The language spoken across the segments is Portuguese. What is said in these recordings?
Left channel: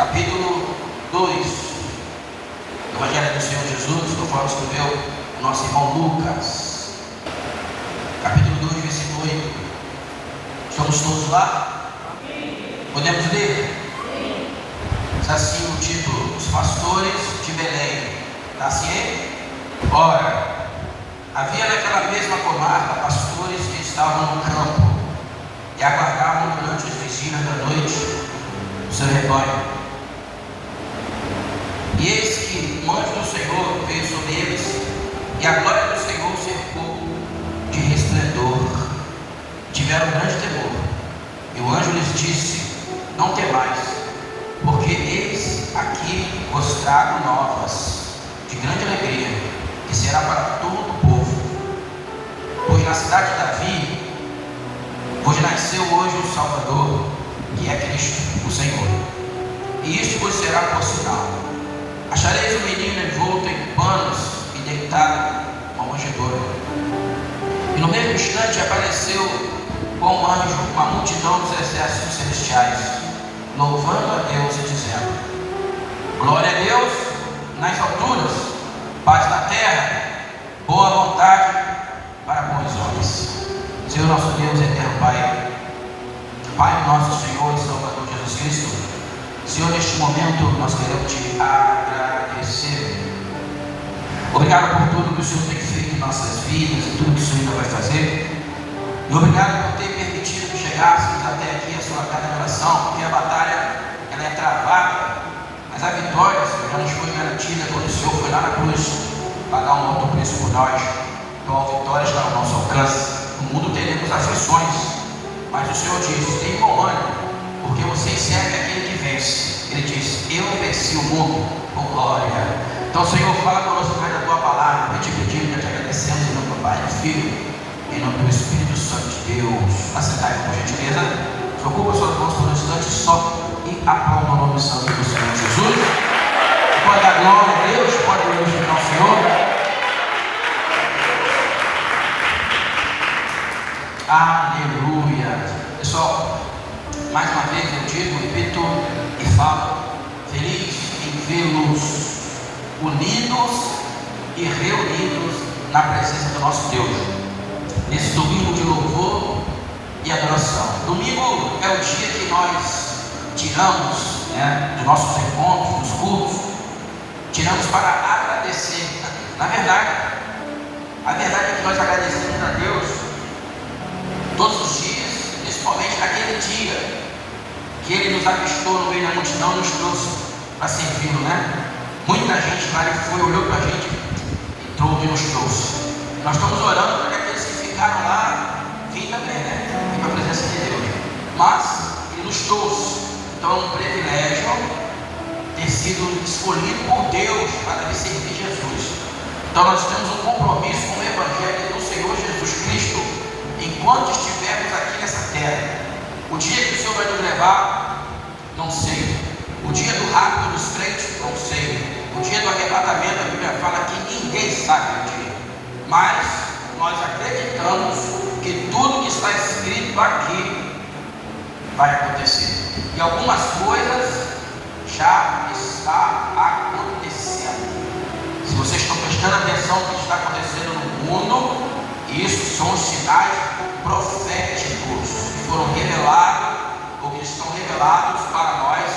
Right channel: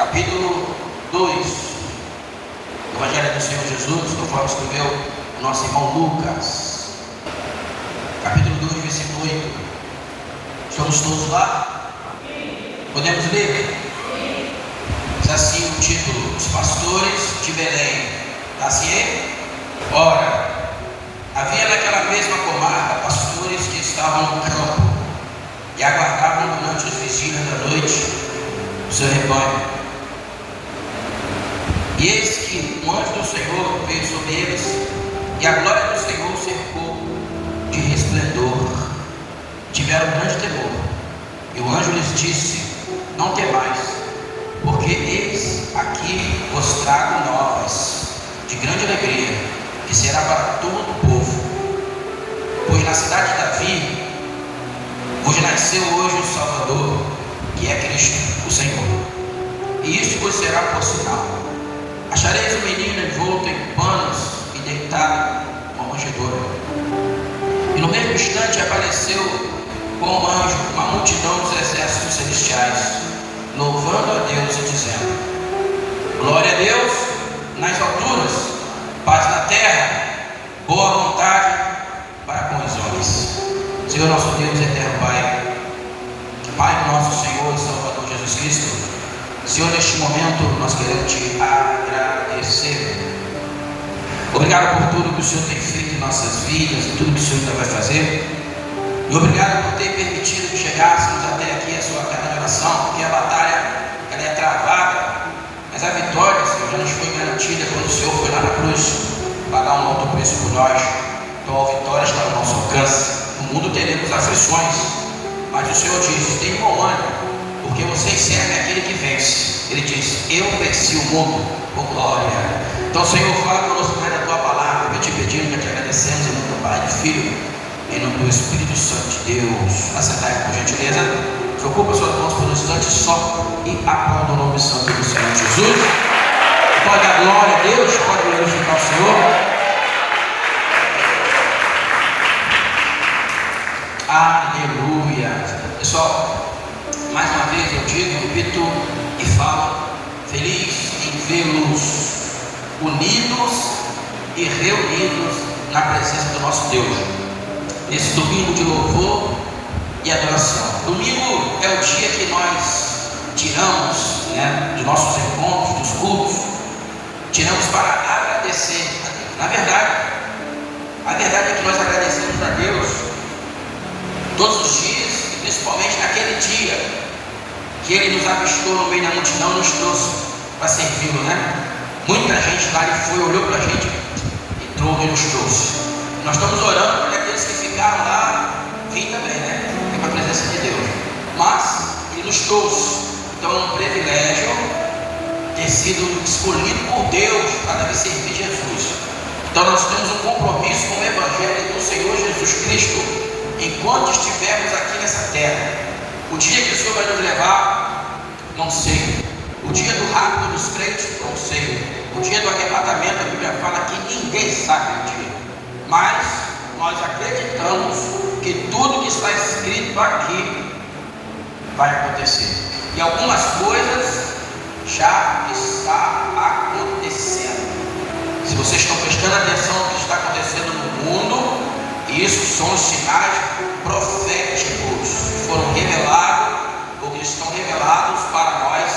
capítulo 2 do Evangelho do Senhor Jesus, conforme escreveu nosso irmão Lucas, capítulo 2, versículo 8. Estamos todos lá? Podemos ler? Diz assim o título: Os pastores de Belém. Está assim? Ora, havia naquela mesma comarca pastores que estavam no campo e aguardavam durante as vigílias da noite o seu rebanho. E eis que o anjo do Senhor veio sobre eles, e a glória do Senhor cercou de resplendor. Tiveram grande temor. E o anjo lhes disse: Não temais, porque eis aqui vos trago novas de grande alegria, que será para todo o povo. Pois na cidade de Davi vos nasceu hoje o Salvador, que é Cristo, o Senhor. E isto vos será por sinal: achareis um menino envolto em panos e deitado numa manjedoura. E no mesmo instante apareceu com um anjo uma multidão dos exércitos celestiais, louvando a Deus e dizendo: Glória a Deus nas alturas, paz na terra, boa vontade para com os homens. Senhor nosso Deus e eterno Pai, Pai nosso Senhor e Salvador Jesus Cristo, Senhor, neste momento nós queremos te agradecer. Obrigado por tudo que o Senhor tem feito em nossas vidas e tudo que o Senhor ainda vai fazer. E obrigado por ter permitido que chegássemos até aqui a sua casa de oração, porque a batalha ela é travada, mas a vitória, Senhor, já nos foi garantida quando o Senhor foi lá na cruz pagar um alto preço por nós. Então a vitória está ao nosso alcance. No mundo teremos aflições, mas o Senhor diz: tem bom ânimo, porque vocês servem aquele que vence. Ele diz: eu venci o mundo por glória. Então, Senhor, fala conosco através da tua palavra. Eu te pedindo, já te agradecemos em nome do Pai e do Filho, em nome do Espírito Santo de Deus. Assentai, por gentileza. Que ocupa suas mãos por um instante só e aplauda o nome santo do Senhor Jesus. Pode dar glória a Deus, pode glorificar o Senhor. Aleluia. Pessoal, mais uma vez eu digo, repito e falo: feliz em vê-los unidos e reunidos na presença do nosso Deus, nesse domingo de louvor e adoração. Domingo é o dia que nós tiramos, de nossos encontros, dos cultos, tiramos para agradecer a Deus. A verdade é que nós agradecemos a Deus todos os dias, e principalmente naquele dia que Ele nos avistou no meio da multidão e nos trouxe para servi-lo, Muita gente lá, Ele foi, olhou para a gente e trouxe e nos trouxe. Nós estamos orando para aqueles que ficaram lá vir também, para a presença de Deus. Mas Ele nos trouxe. Então é um privilégio ter sido escolhido por Deus para vir servir Jesus. Então nós temos um compromisso com o Evangelho do Senhor Jesus Cristo enquanto estivermos aqui nessa terra. O dia que o Senhor vai nos levar, não sei. O dia do rápido dos crentes, não sei. O dia do arrebatamento, a Bíblia fala que ninguém sabe o dia. Mas nós acreditamos que tudo que está escrito aqui vai acontecer. E algumas coisas já está acontecendo. Se vocês estão prestando atenção no que está acontecendo no mundo, isso são os sinais proféticos que foram revelados, ou que estão revelados para nós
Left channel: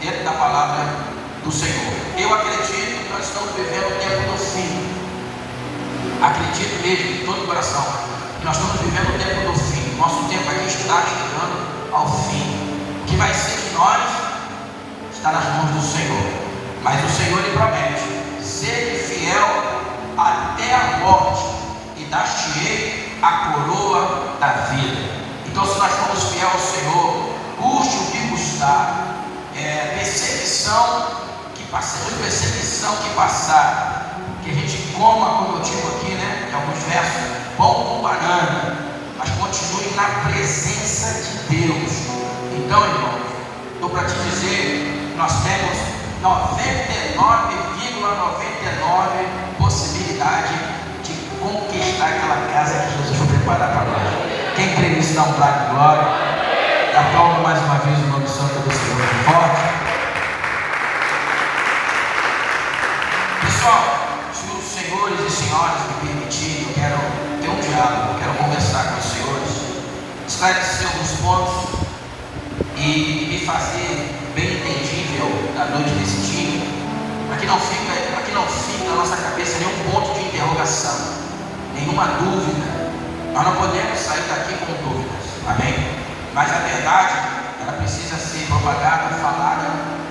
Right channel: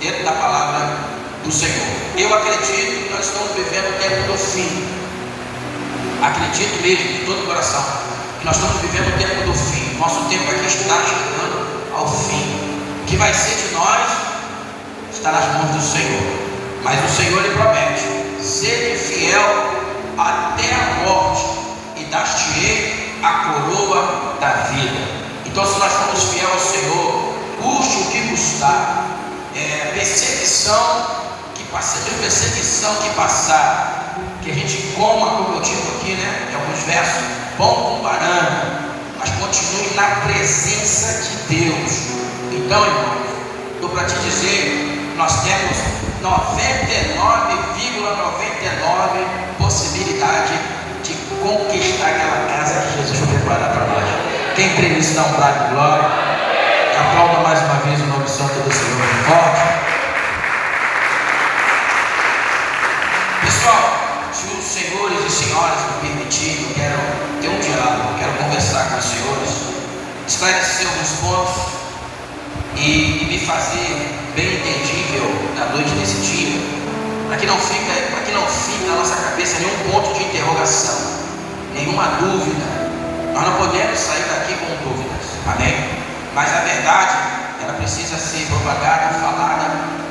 dentro da palavra do Senhor. Eu acredito que nós estamos vivendo o tempo do fim. Acredito mesmo de todo o coração que nós estamos vivendo o tempo do fim. Nosso tempo aqui está chegando ao fim. O que vai ser de nós está nas mãos do Senhor. Mas o Senhor lhe promete: ser fiel até a morte, e dar-te-ei a coroa da vida. Então, se nós formos fiel ao Senhor, custe o que custar, perseguição que passar, que a gente coma, como eu digo aqui, em alguns versos, pão com banana, mas continue na presença de Deus. Então, irmãos, estou para te dizer, nós temos 99,99 possibilidade de conquistar aquela casa que Jesus vai preparar para nós. Quem crê nisso, dá um brado de glória. Aplauda mais uma vez o nome santo do Senhor forte. e me fazer bem entendível na noite desse dia, para que não fique na nossa cabeça nenhum ponto de interrogação, nenhuma dúvida. Nós não podemos sair daqui com dúvidas, amém? Mas a verdade, ela precisa ser propagada e falada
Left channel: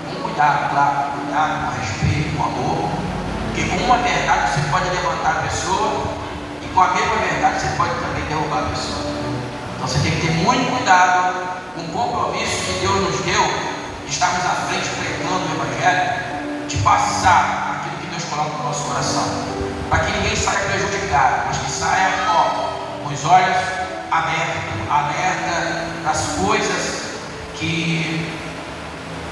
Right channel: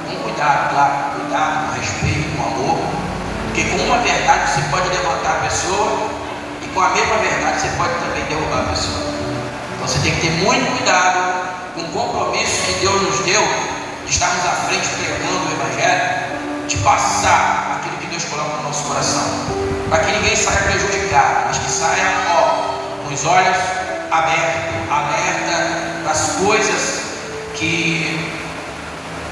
com cuidado, claro, cuidado, com respeito, com amor, porque com uma verdade você pode levantar a pessoa, e com a mesma verdade você pode também derrubar a pessoa. Então você tem que ter muito cuidado com o compromisso que Deus nos deu de estarmos à frente pregando o Evangelho, de passar aquilo que Deus coloca no nosso coração, para que ninguém saia prejudicado, mas que saia com os olhos abertos, alerta das coisas que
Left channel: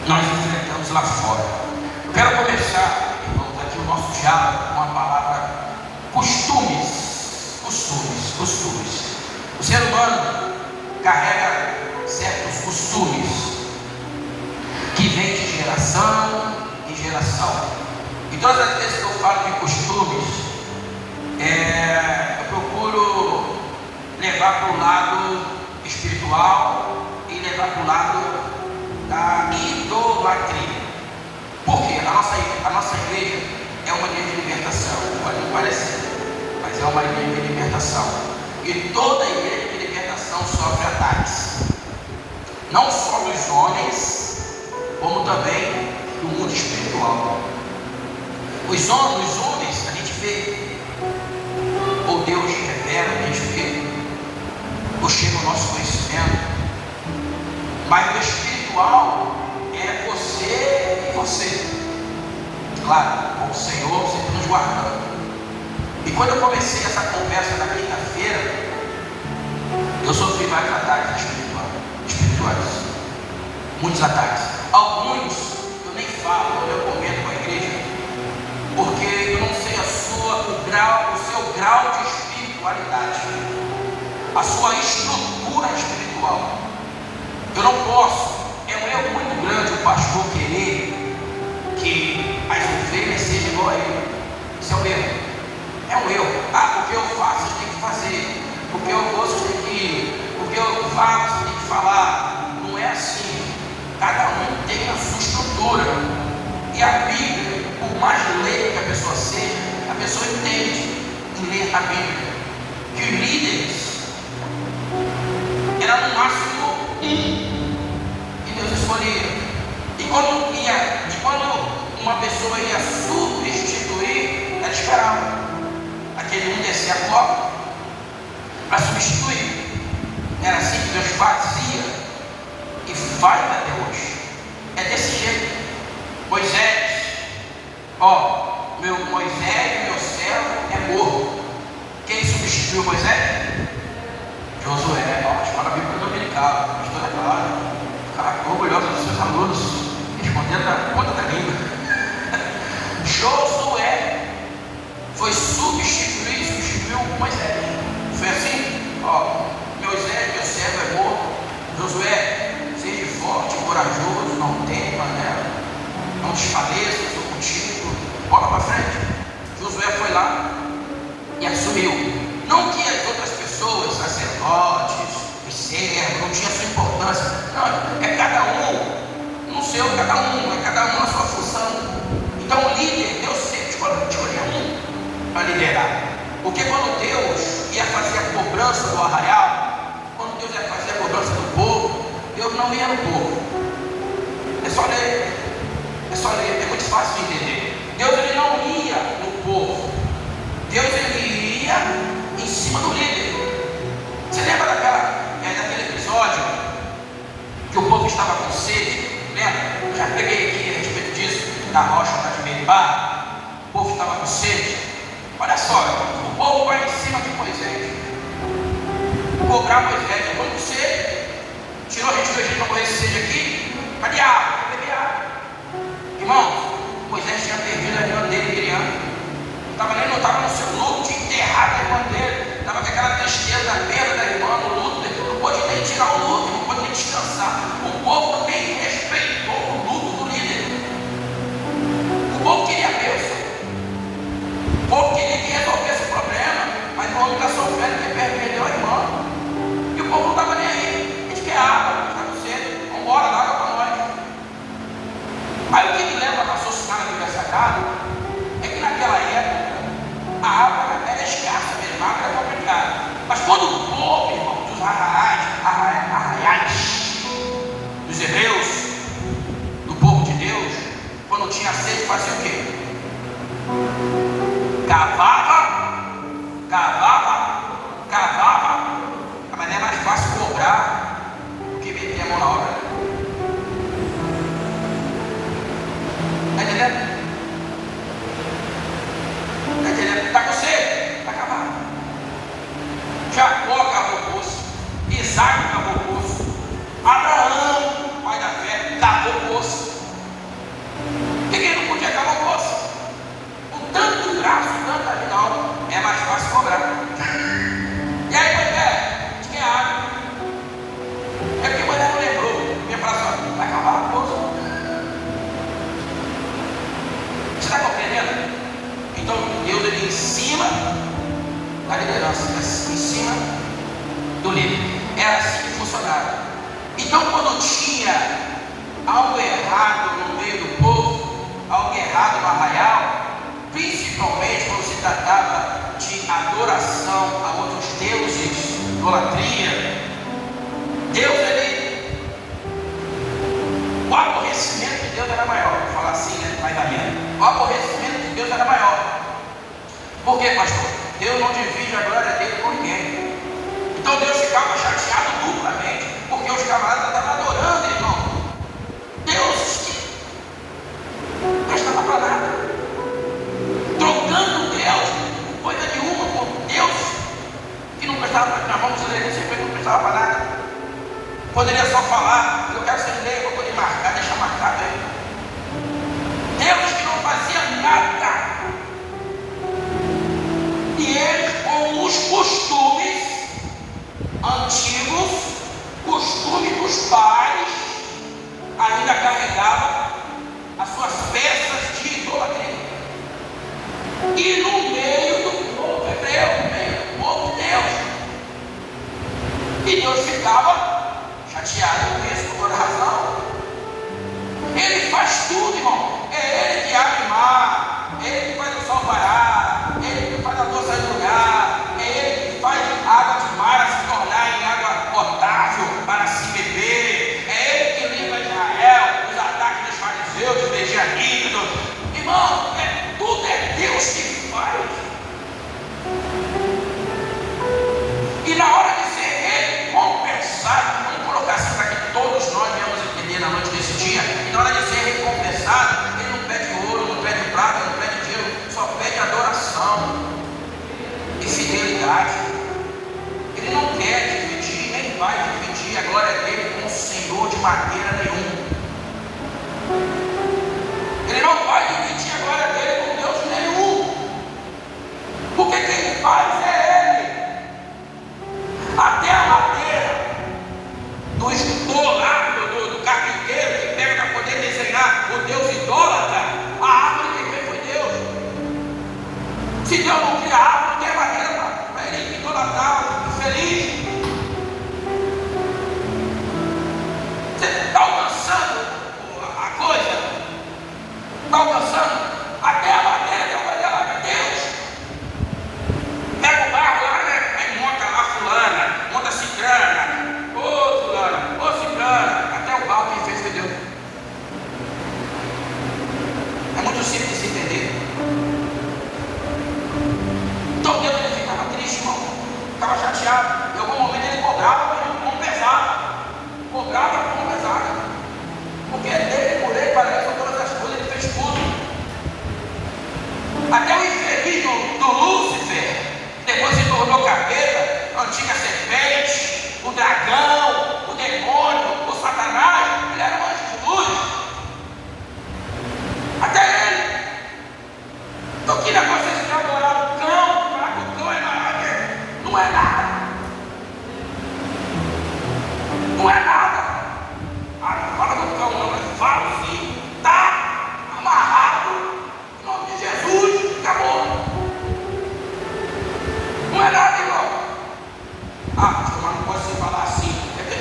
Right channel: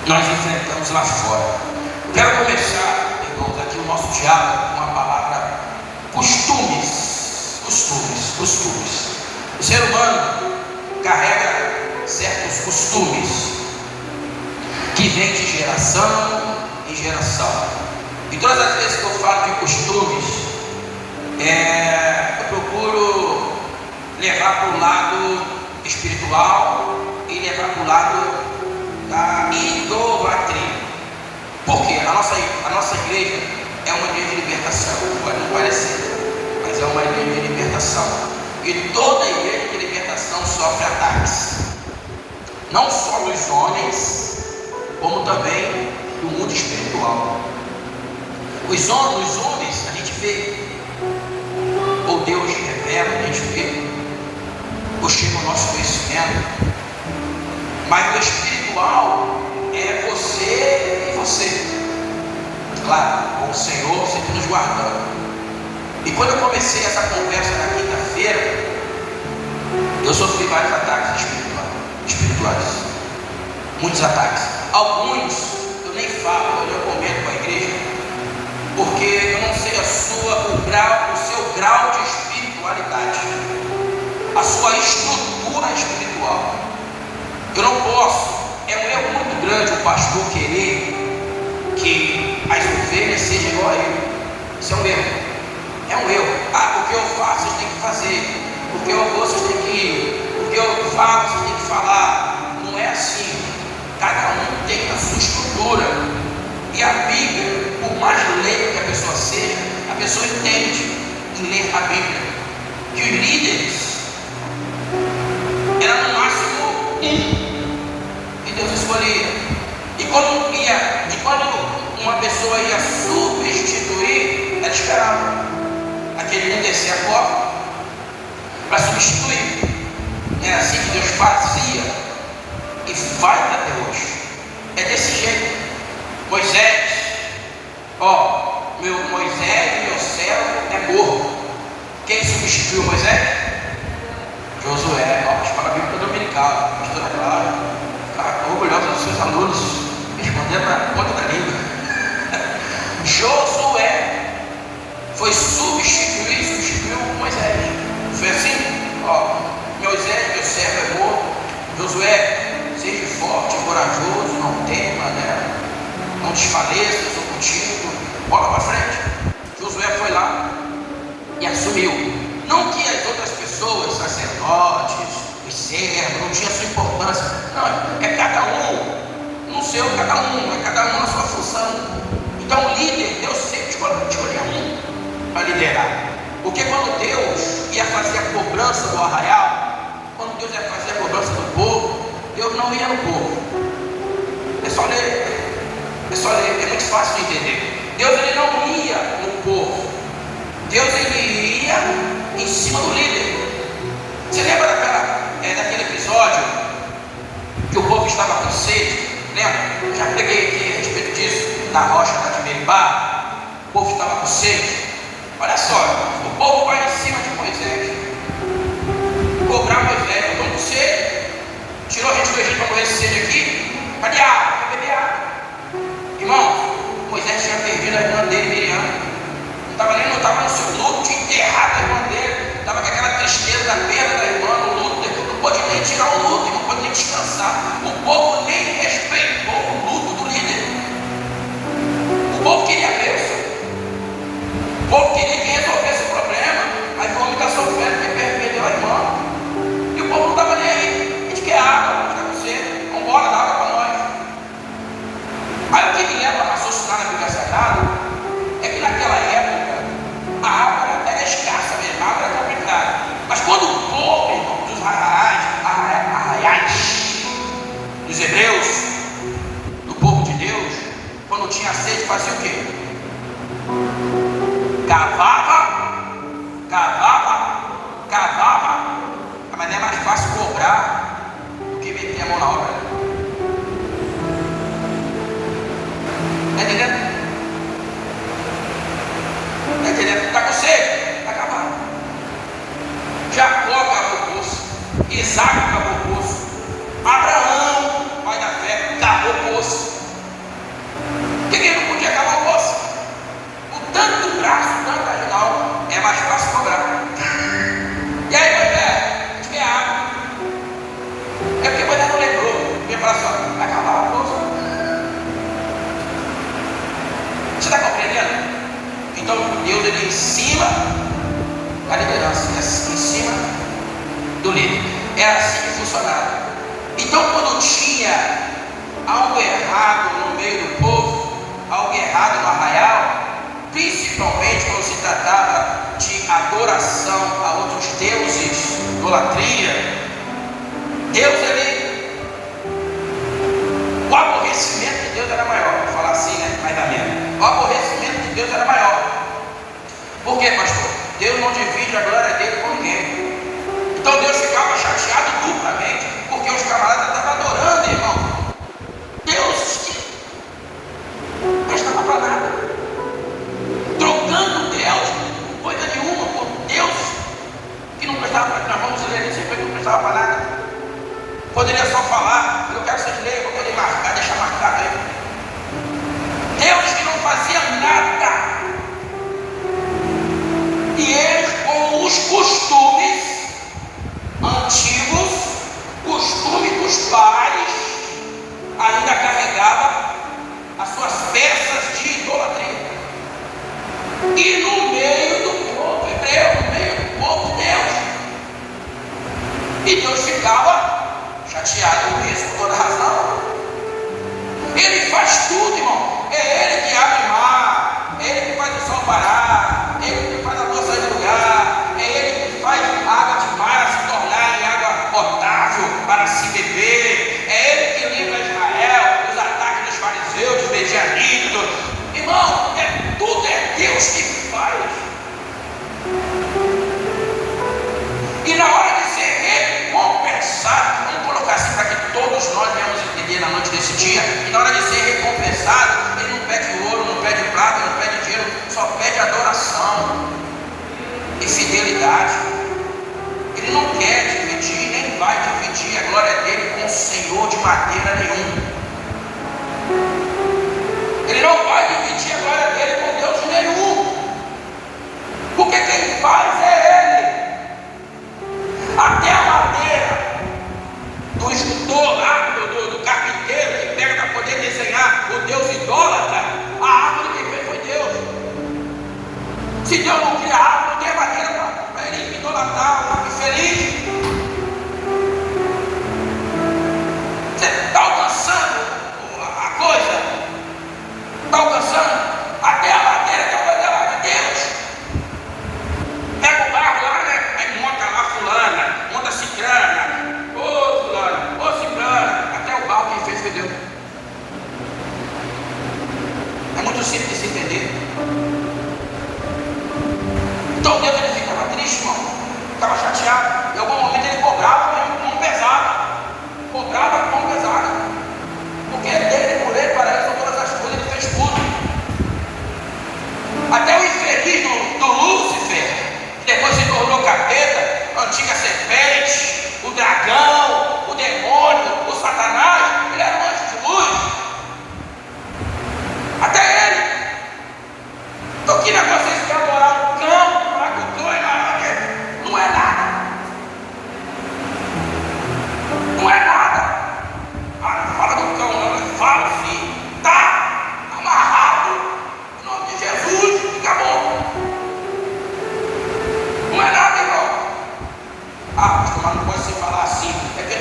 nós enfrentamos lá fora. Eu quero começar, irmãos, aqui o nosso diálogo com a palavra costumes. O ser humano carrega certos costumes que vêm de geração em geração. E todas as vezes que eu falo de costumes, eu procuro levar para o lado espiritual e levar para o lado da idolatria. Por quê? A nossa igreja é uma igreja de libertação. Pode não parecer, mas é uma igreja de libertação. E toda igreja de libertação sofre ataques, não só dos homens, como também do mundo espiritual. Os homens a gente vê, ou Deus revela, a gente vê, buscando o nosso conhecimento, mas o espiritual é você e você, claro, com o Senhor sempre nos guardando. E quando eu comecei essa conversa na quinta-feira, eu sofri vários ataques espirituais, muitos ataques. Alguns eu nem falo, eu não comento com a igreja, porque eu não sei o seu grau de espiritualidade, a sua estrutura espiritual. Eu não posso, é um erro muito grande o pastor querer que as ovelhas sejam igual a ele. Isso é um erro. É um erro. Porque eu faço, vocês têm que fazer. Porque eu vou, vocês têm que ir. Porque eu falo, vocês têm que falar. Não é assim. Cada um tem a sua estrutura. E a Bíblia, por mais leiga que a pessoa seja, a pessoa entende em ler a Bíblia. Que os líderes eram no máximo que Deus escolhia. E quando uma pessoa ia substituir, ela esperava aquele um descer a copa para substituir. Era assim que Deus fazia e vai até hoje. É desse jeito. Moisés, Moisés, meu servo, é morto. Quem substituiu Moisés? Josué. Para a Bíblia dominical, pastora Clara, está orgulhosa dos seus alunos, respondendo na ponta da língua. Josué foi substituiu Moisés. Foi assim? Moisés, meu servo, é morto. Josué, seja forte, corajoso, não tema, né? Não desfaleça, eu sou contigo. Bola para frente. Josué foi lá e assumiu. Não que as outras pessoas, sacerdotes, os servos, não tinha sua importância. Não, é cada um no seu, é cada um na sua função. Então, líder, Deus sempre escolheu um para liderar. Porque quando Deus ia fazer a cobrança do arraial, quando Deus ia fazer a cobrança do povo, Deus não ia no povo. É só ler, é muito fácil de entender. Deus ele não ia no povo, Deus ele ia em cima do líder. Você lembra daquele episódio que o povo estava com sede? Lembra? Eu já preguei aqui a respeito disso, da rocha lá de Meribá. O povo estava com sede. Olha só, o povo vai em cima de Moisés, cobrar Moisés. Eu estou com sede. Tirou a gente do Egito para correr sede aqui. Cadê a água? Quer beber água? Irmão, Moisés tinha perdido a irmã dele, Miriam. Não estava no seu luto, tinha enterrado a irmã dele. Estava com aquela tristeza da perda da irmã, no luto. Não podia nem tirar o luto, não podia nem descansar. O povo nem respeitou o luto do líder. O povo queria a bênção. O povo queria que resolvesse o problema. A irmã está sofrendo, porque perdeu a irmã. E o povo não estava nem aí. A gente quer água, está com sede. Vamos embora quando tinha sede, fazia o quê? Cavava. Mas não é mais fácil cobrar do que meter a mão na obra. Está entendendo? Está com sede? Está cavando. Jacó cavou o poço. Isaac cavou o poço. Abraão, pai da fé, cavou o poço. Por que ele não podia cavar o poço? O tanto braço, tanta ajuda, é mais fácil cobrar. E aí, Moisés, tinha água. É porque Moisés não lembrou. Ele falou assim: vai acabar o poço. Você está compreendendo? Então, Deus ele ensina a liderança, em cima do líder. Era assim que funcionava. Então, quando tinha algo errado no meio do povo, algo errado no arraial, principalmente quando se tratava de adoração a outros deuses, idolatria, Deus o aborrecimento de Deus era maior. Vou falar assim, né? Mais da minha. O aborrecimento de Deus era maior. Por quê, pastor? Deus não divide a glória dele com ninguém. Então Deus ficava chateado duplamente, porque os camaradas estavam adorando, irmão. Deus não estava para nada. Trocando Deus, coisa nenhuma, por Deus que não prestava para nada. Vamos dizer isso, que não prestava para nada. Poderia só falar: eu quero ser de lei, eu poderia marcar, deixar marcado aí. Deus que não fazia nada. E eles, com os costumes antigos, costume dos pais, ainda carregava as suas peças de idolatria. E no meio do povo hebreu, no meio do povo de Deus. E Deus ficava chateado com isso, por toda razão. Ele faz tudo, irmão. É Ele que abre o mar, é Ele que faz o sol parar, é Ele que faz a lua sair do lugar, é Ele que faz a água de mar se tornar em água potável para se beber, é Ele que livra Israel dos ataques dos fariseus, dos medianitas. Irmão, tudo é Deus que faz. E na hora de ser recompensado, vamos colocar assim para que todos nós venhamos entender na noite desse dia, e na hora de ser recompensado, ele não pede ouro, não pede prata, não pede dinheiro, só pede adoração e fidelidade. Ele não quer dividir, nem vai dividir a glória dele com o Senhor de maneira nenhuma. Ele não vai dividir a glória dele com Deus nenhum, porque quem faz é Ele. Até a madeira do escultor lá, do carpinteiro que pega para poder desenhar o Deus idólatra, a árvore que veio foi Deus. Se Deus não cria a árvore, não tem madeira para ele idolatrar, infeliz. Você está alcançando a coisa? Está alcançando? Até a madeira que é Deus. Pega o barro lá, né? Aí monta lá fulana, monta ciclana, ô fulana, ô ciclana, até o barro que fez foi Deus. É muito simples de entender. Então Deus ele ficava triste, irmão. Ficava chateado. Em algum momento ele cobrava com mão pesada. Cobrava com mão pesada. Porque dele, por ele, para isso, todas as coisas, ele fez tudo. Até o infeliz do Lúcifer, depois se tornou capeta, a antiga serpente, o dragão, o demônio, o Satanás, ele era um anjo de luz. Até ele. Então que negócio é esse de adorar o cão? O cão é nada, não é nada. Não é nada. Fala do cão, fala assim, tá amarrado em nome de Jesus, acabou. Não é nada, irmão. Pastor, mas não pode se falar assim. É que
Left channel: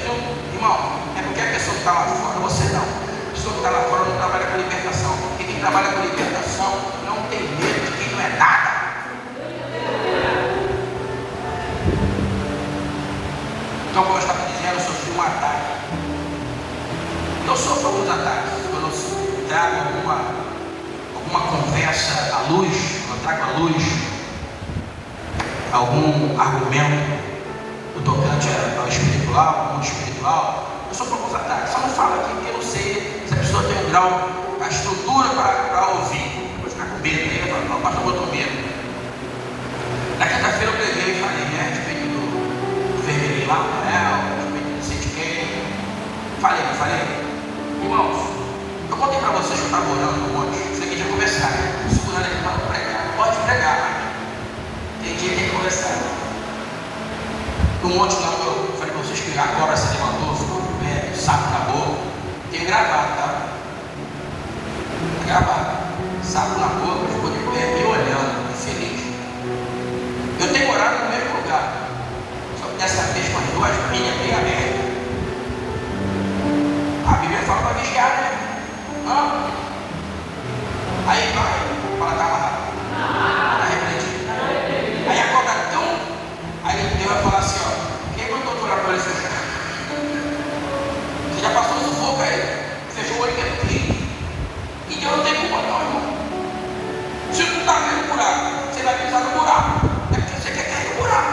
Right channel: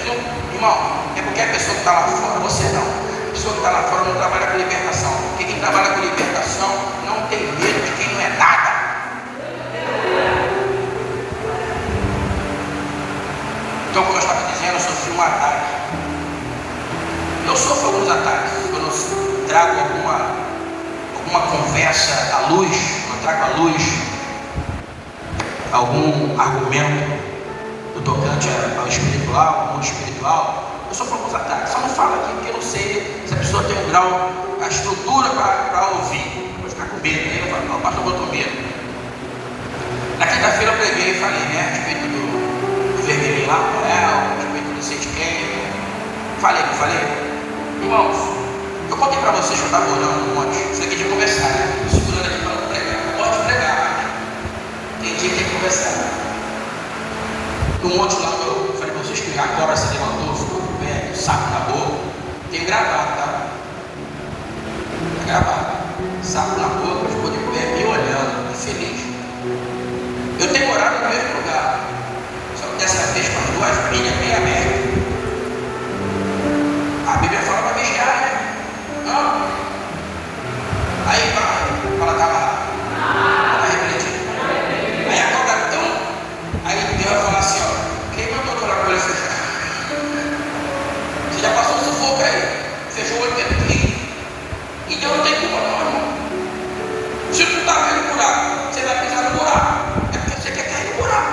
irmão, é porque a pessoa que está lá fora, você não. A pessoa que está lá fora não trabalha com libertação. Porque quem trabalha com libertação não tem medo de quem não é nada. Então, como eu estava dizendo, eu sofri um ataque. Eu sofro alguns ataques. Quando eu trago alguma uma conversa à luz, não trago à luz algum argumento do tocante ao espiritual, ao mundo espiritual, eu sou para os ataques. Eu não falo aqui porque eu não sei se a pessoa tem um grau, a estrutura para ouvir. Vou ficar com medo, né? Uma parte do outro medo. Na quinta-feira eu preguei e falei, né? A respeito do vermelhinho lá, a respeito do Sente. Falei. Irmãos, eu contei para vocês que eu estava orando um monte. Isso aqui de conversar, né? Segurando aqui para não pregar. Pode pregar, mas tem dia que tem que conversar. Um monte lá, eu falei para vocês que Jacó se levantou, ficou de pé, saco na boca. Tem gravado, tá? Tem gravado. Saco na boca, ficou de pé, me olhando, feliz. Eu tenho orado no mesmo lugar. Só que dessa vez com as duas pilhas bem abertas. A Bíblia fala para vigiar, né? Não. Aí vai, fala, estava lá. Está repreendido. Aí acorda tão. Aí Deus vai falar assim, ó. Quem mandou tu orar para ele fechar? Você já passou um sufoco aí? Fechou o olho dentro aqui. E Deus não tem culpa não, irmão. Se tu está vendo buraco, você vai pisar no buraco. É porque você quer cair no buraco.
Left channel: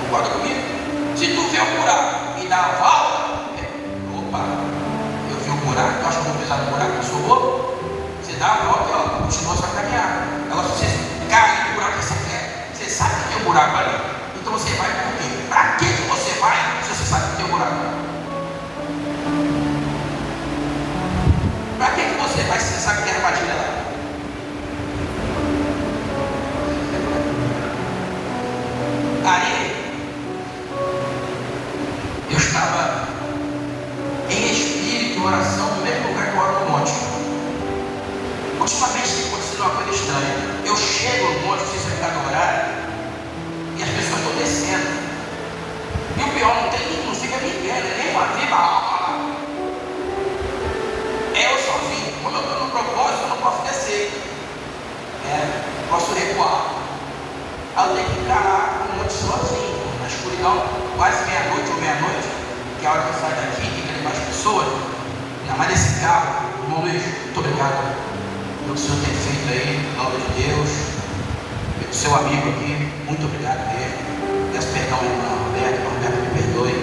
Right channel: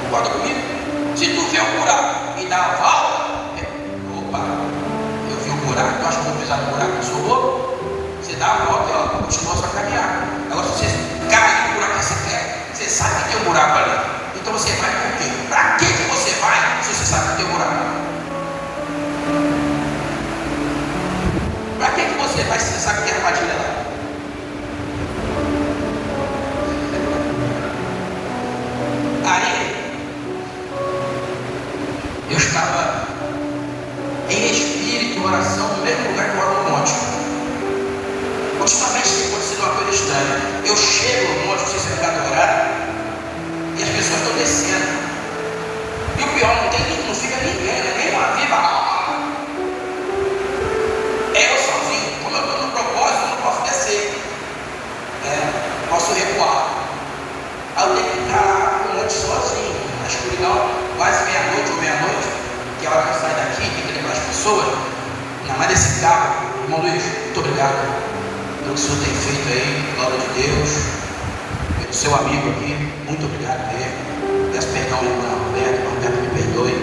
Concorda comigo? Se tu vê um buraco e dá a volta, opa, eu vi um buraco, tu acha que eu vou pisar no buraco que eu sou louco? Você dá a volta e ó, continua sua caminhada. Agora se você cai no buraco que você quer, você sabe que tem um buraco ali. Então você vai por quê? Para que você vai se você sabe que tem um buraco? Para que você vai se você sabe que tem armadilha lá? Aí eu estava em espírito e oração no mesmo lugar que eu oro no monte. Ultimamente tem acontecido uma coisa estranha. Eu chego no monte, não sei se é por causa do horário, e as pessoas estão descendo. E o pior, não fica ninguém, né? Nem uma viva alma lá. É eu sozinho. Como eu estou no propósito, eu não posso descer. Posso recuar. Aí eu tenho que ficar lá no monte sozinho, na escuridão, quase meia-noite ou meia-noite, que é a hora que eu saio daqui, tem que levar as pessoas. Ainda mais desse carro. Irmão Luiz, muito obrigado pelo que o senhor tem feito aí, palavra de Deus, pelo seu amigo aqui, muito obrigado mesmo. Peço perdão, irmão Roberto, me perdoe,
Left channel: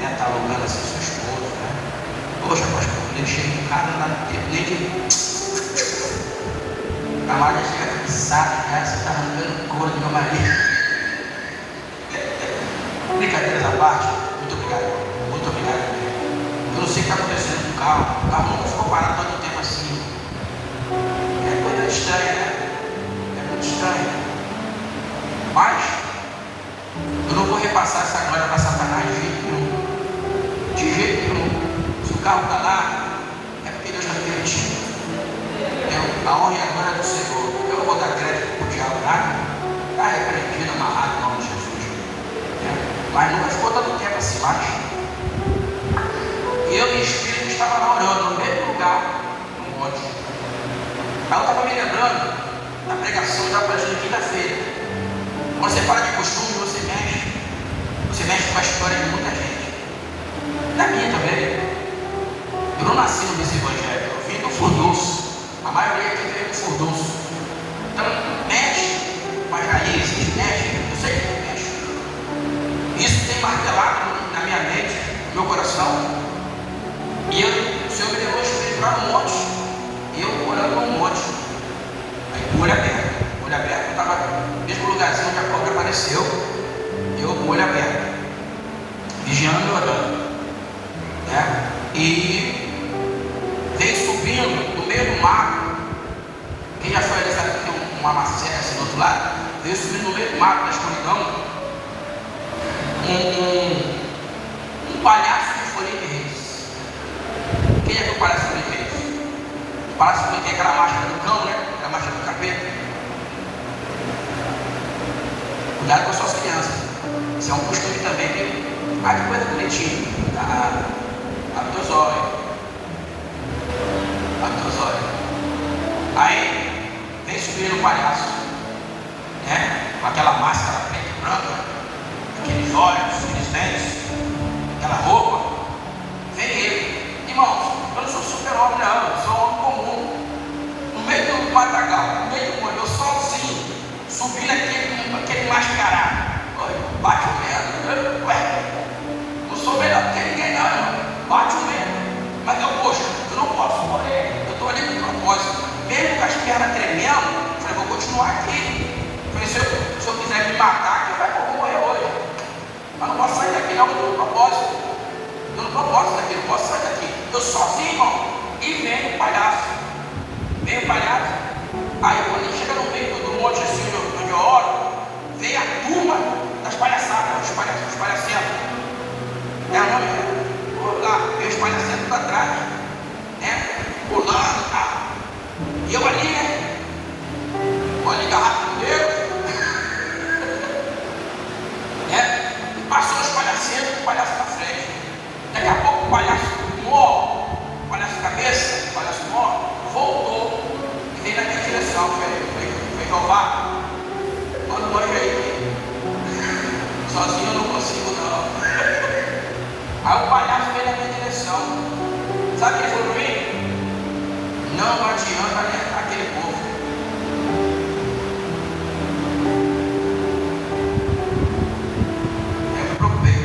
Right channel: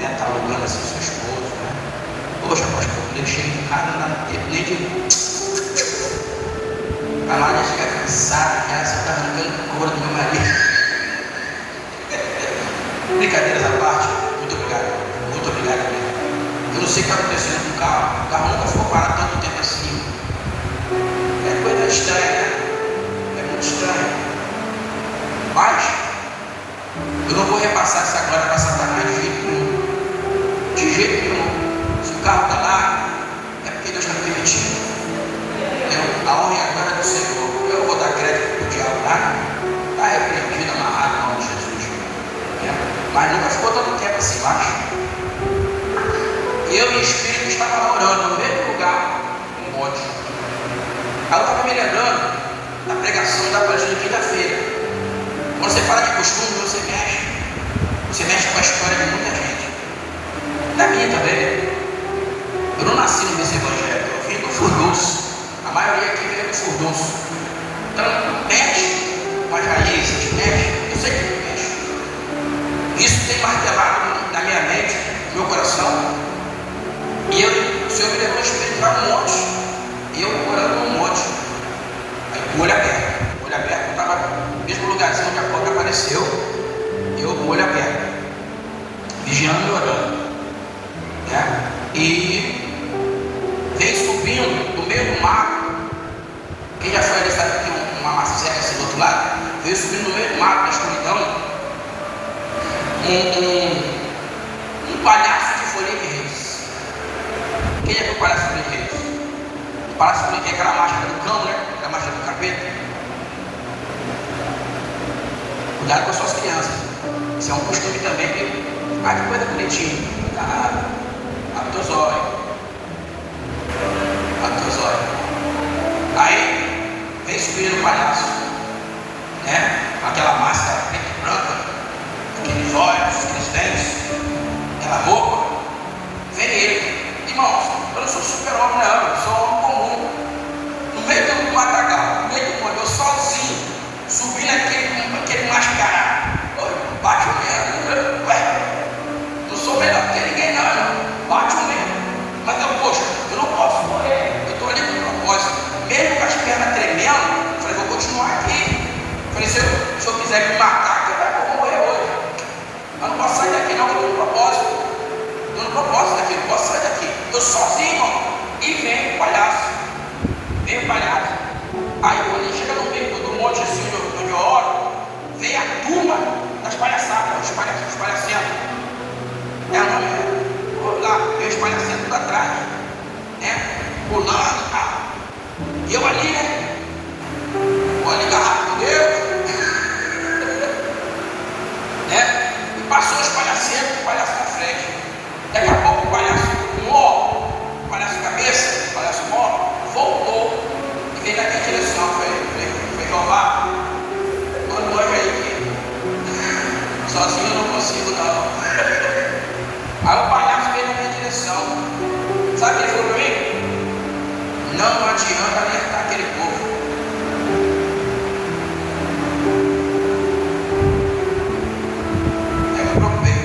né? Está alugando assim sua esposa, né? Poxa, mas quando ele chega em casa, não dá tempo nem de. A Maria chega cansada, já você está arrancando couro do meu marido. Brincadeiras à parte, muito obrigado mesmo. Eu não sei o que está acontecendo com o carro nunca ficou parado tanto tempo assim. É coisa estranha, né? É muito estranho. Mas eu não vou repassar essa glória para Satanás de jeito nenhum. De jeito nenhum. Se o carro está lá, é porque Deus está permitindo. A honra e a glória do Senhor. Eu não vou dar crédito para o diabo, nada. Está repreendido, amarrado em nome de Jesus. Mas nunca ficou dando tempo assim mais. Eu em espírito estava orando no mesmo lugar, no monte. Ela estava me lembrando da pregação da página de quinta-feira. Quando você fala de costume, você mexe com a história de muita gente. Da minha também. Eu não nasci nesse evangelho, eu vim do furdunço. A maioria aqui veio do furdunço. Então, mexe com as raízes, mexe, eu sei que mexe. Isso tem martelado na minha mente, no meu coração. E o Senhor me levou a espírito para um monte. E eu orando num monte. Com o olho aberto. O olho aberto, eu estava no mesmo lugarzinho que a porta apareceu. Eu com o olho aberto. Vigiando e orando. Né? E vem subindo do meio do mato. Quem já foi ali sabe que tem uma serra assim do outro lado. Veio subindo do meio do mato, na escuridão. Um palhaço de folha de reis. Quem é que o Palácio Feliz é isso? O Palácio Feliz tem aquela máscara do cão, né? Aquela máscara do capeta. Cuidado com as suas crianças. Isso é um costume também que vai que coisa bonitinha. Abre teus olhos. Aí, vem subir no palhaço. Né? Aquela máscara preta e branca. Aqueles olhos, aqueles dentes. Aquela roupa. Vem ele. Irmãos, eu não sou super-homem, não, eu sou homem comum. sozinho, e vem o palhaço. Vem o palhaço. Aí quando ele chega no meio do monte assim, onde eu oro, vem a turma das palhaçadas, os palhacetos. Vamos lá, vem os palhacetos da trás, pulando, tá? E eu ali, olha, garrafa com Deus, e passou os palhacetos, o palhaço na frente. Daqui a pouco o palhaço mó, o palhaço cabeça, o palhaço mó, voltou e veio na minha direção. Foi roubar. Boa noite aí, sozinho eu não consigo não. Aí o palhaço veio na minha direção. Sabe o que ele falou para mim? Não adianta alertar aquele povo. Eu me preocupei.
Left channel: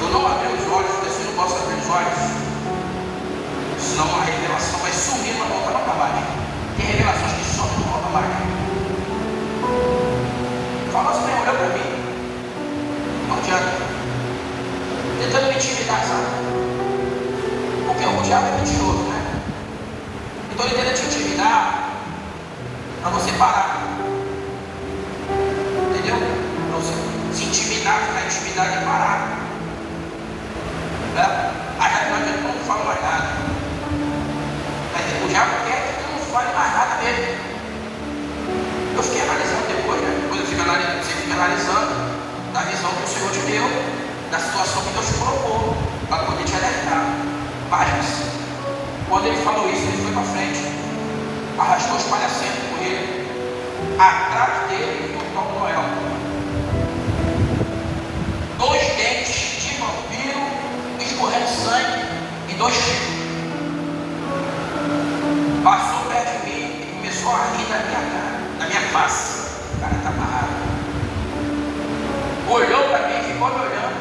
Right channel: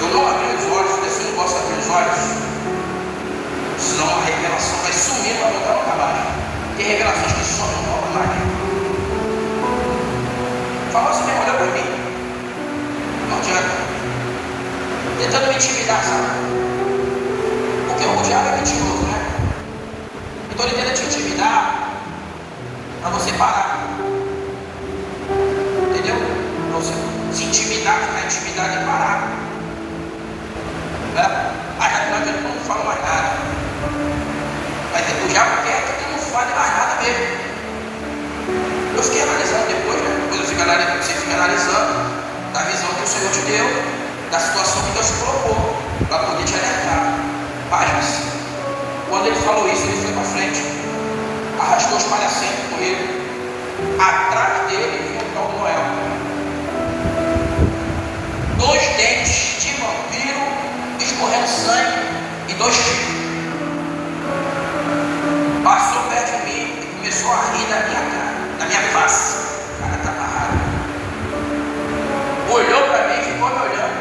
Eu não abri os olhos, porque eu não posso abrir os olhos, senão a revelação vai sumir para voltar nunca mais. Tem revelações que somem e não voltam mais. Fala assim, olha para mim. Não adianta. Tentando me intimidar, sabe? Porque o diabo é mentiroso, né? Então ele tenta te intimidar para você parar. Entendeu? Para você se intimidar, ficar intimidado e parar. Aí a momento não fala mais nada. Mas o diabo quer que tu não fale mais nada mesmo. Eu fiquei analisando depois, né? Depois você fica analisando da visão que o Senhor te deu, da situação que Deus te colocou, para poder te alertar. Mas, quando ele falou isso, ele foi para frente, arrastou os palhacetos com ele. Atrás dele vinha o Papai Noel. 2 dentes de vampiro, escorrendo sangue e 2 chifres. Passou perto de mim e começou a rir da minha cara, da minha face. O cara está amarrado. Olhou para mim, ficou me olhando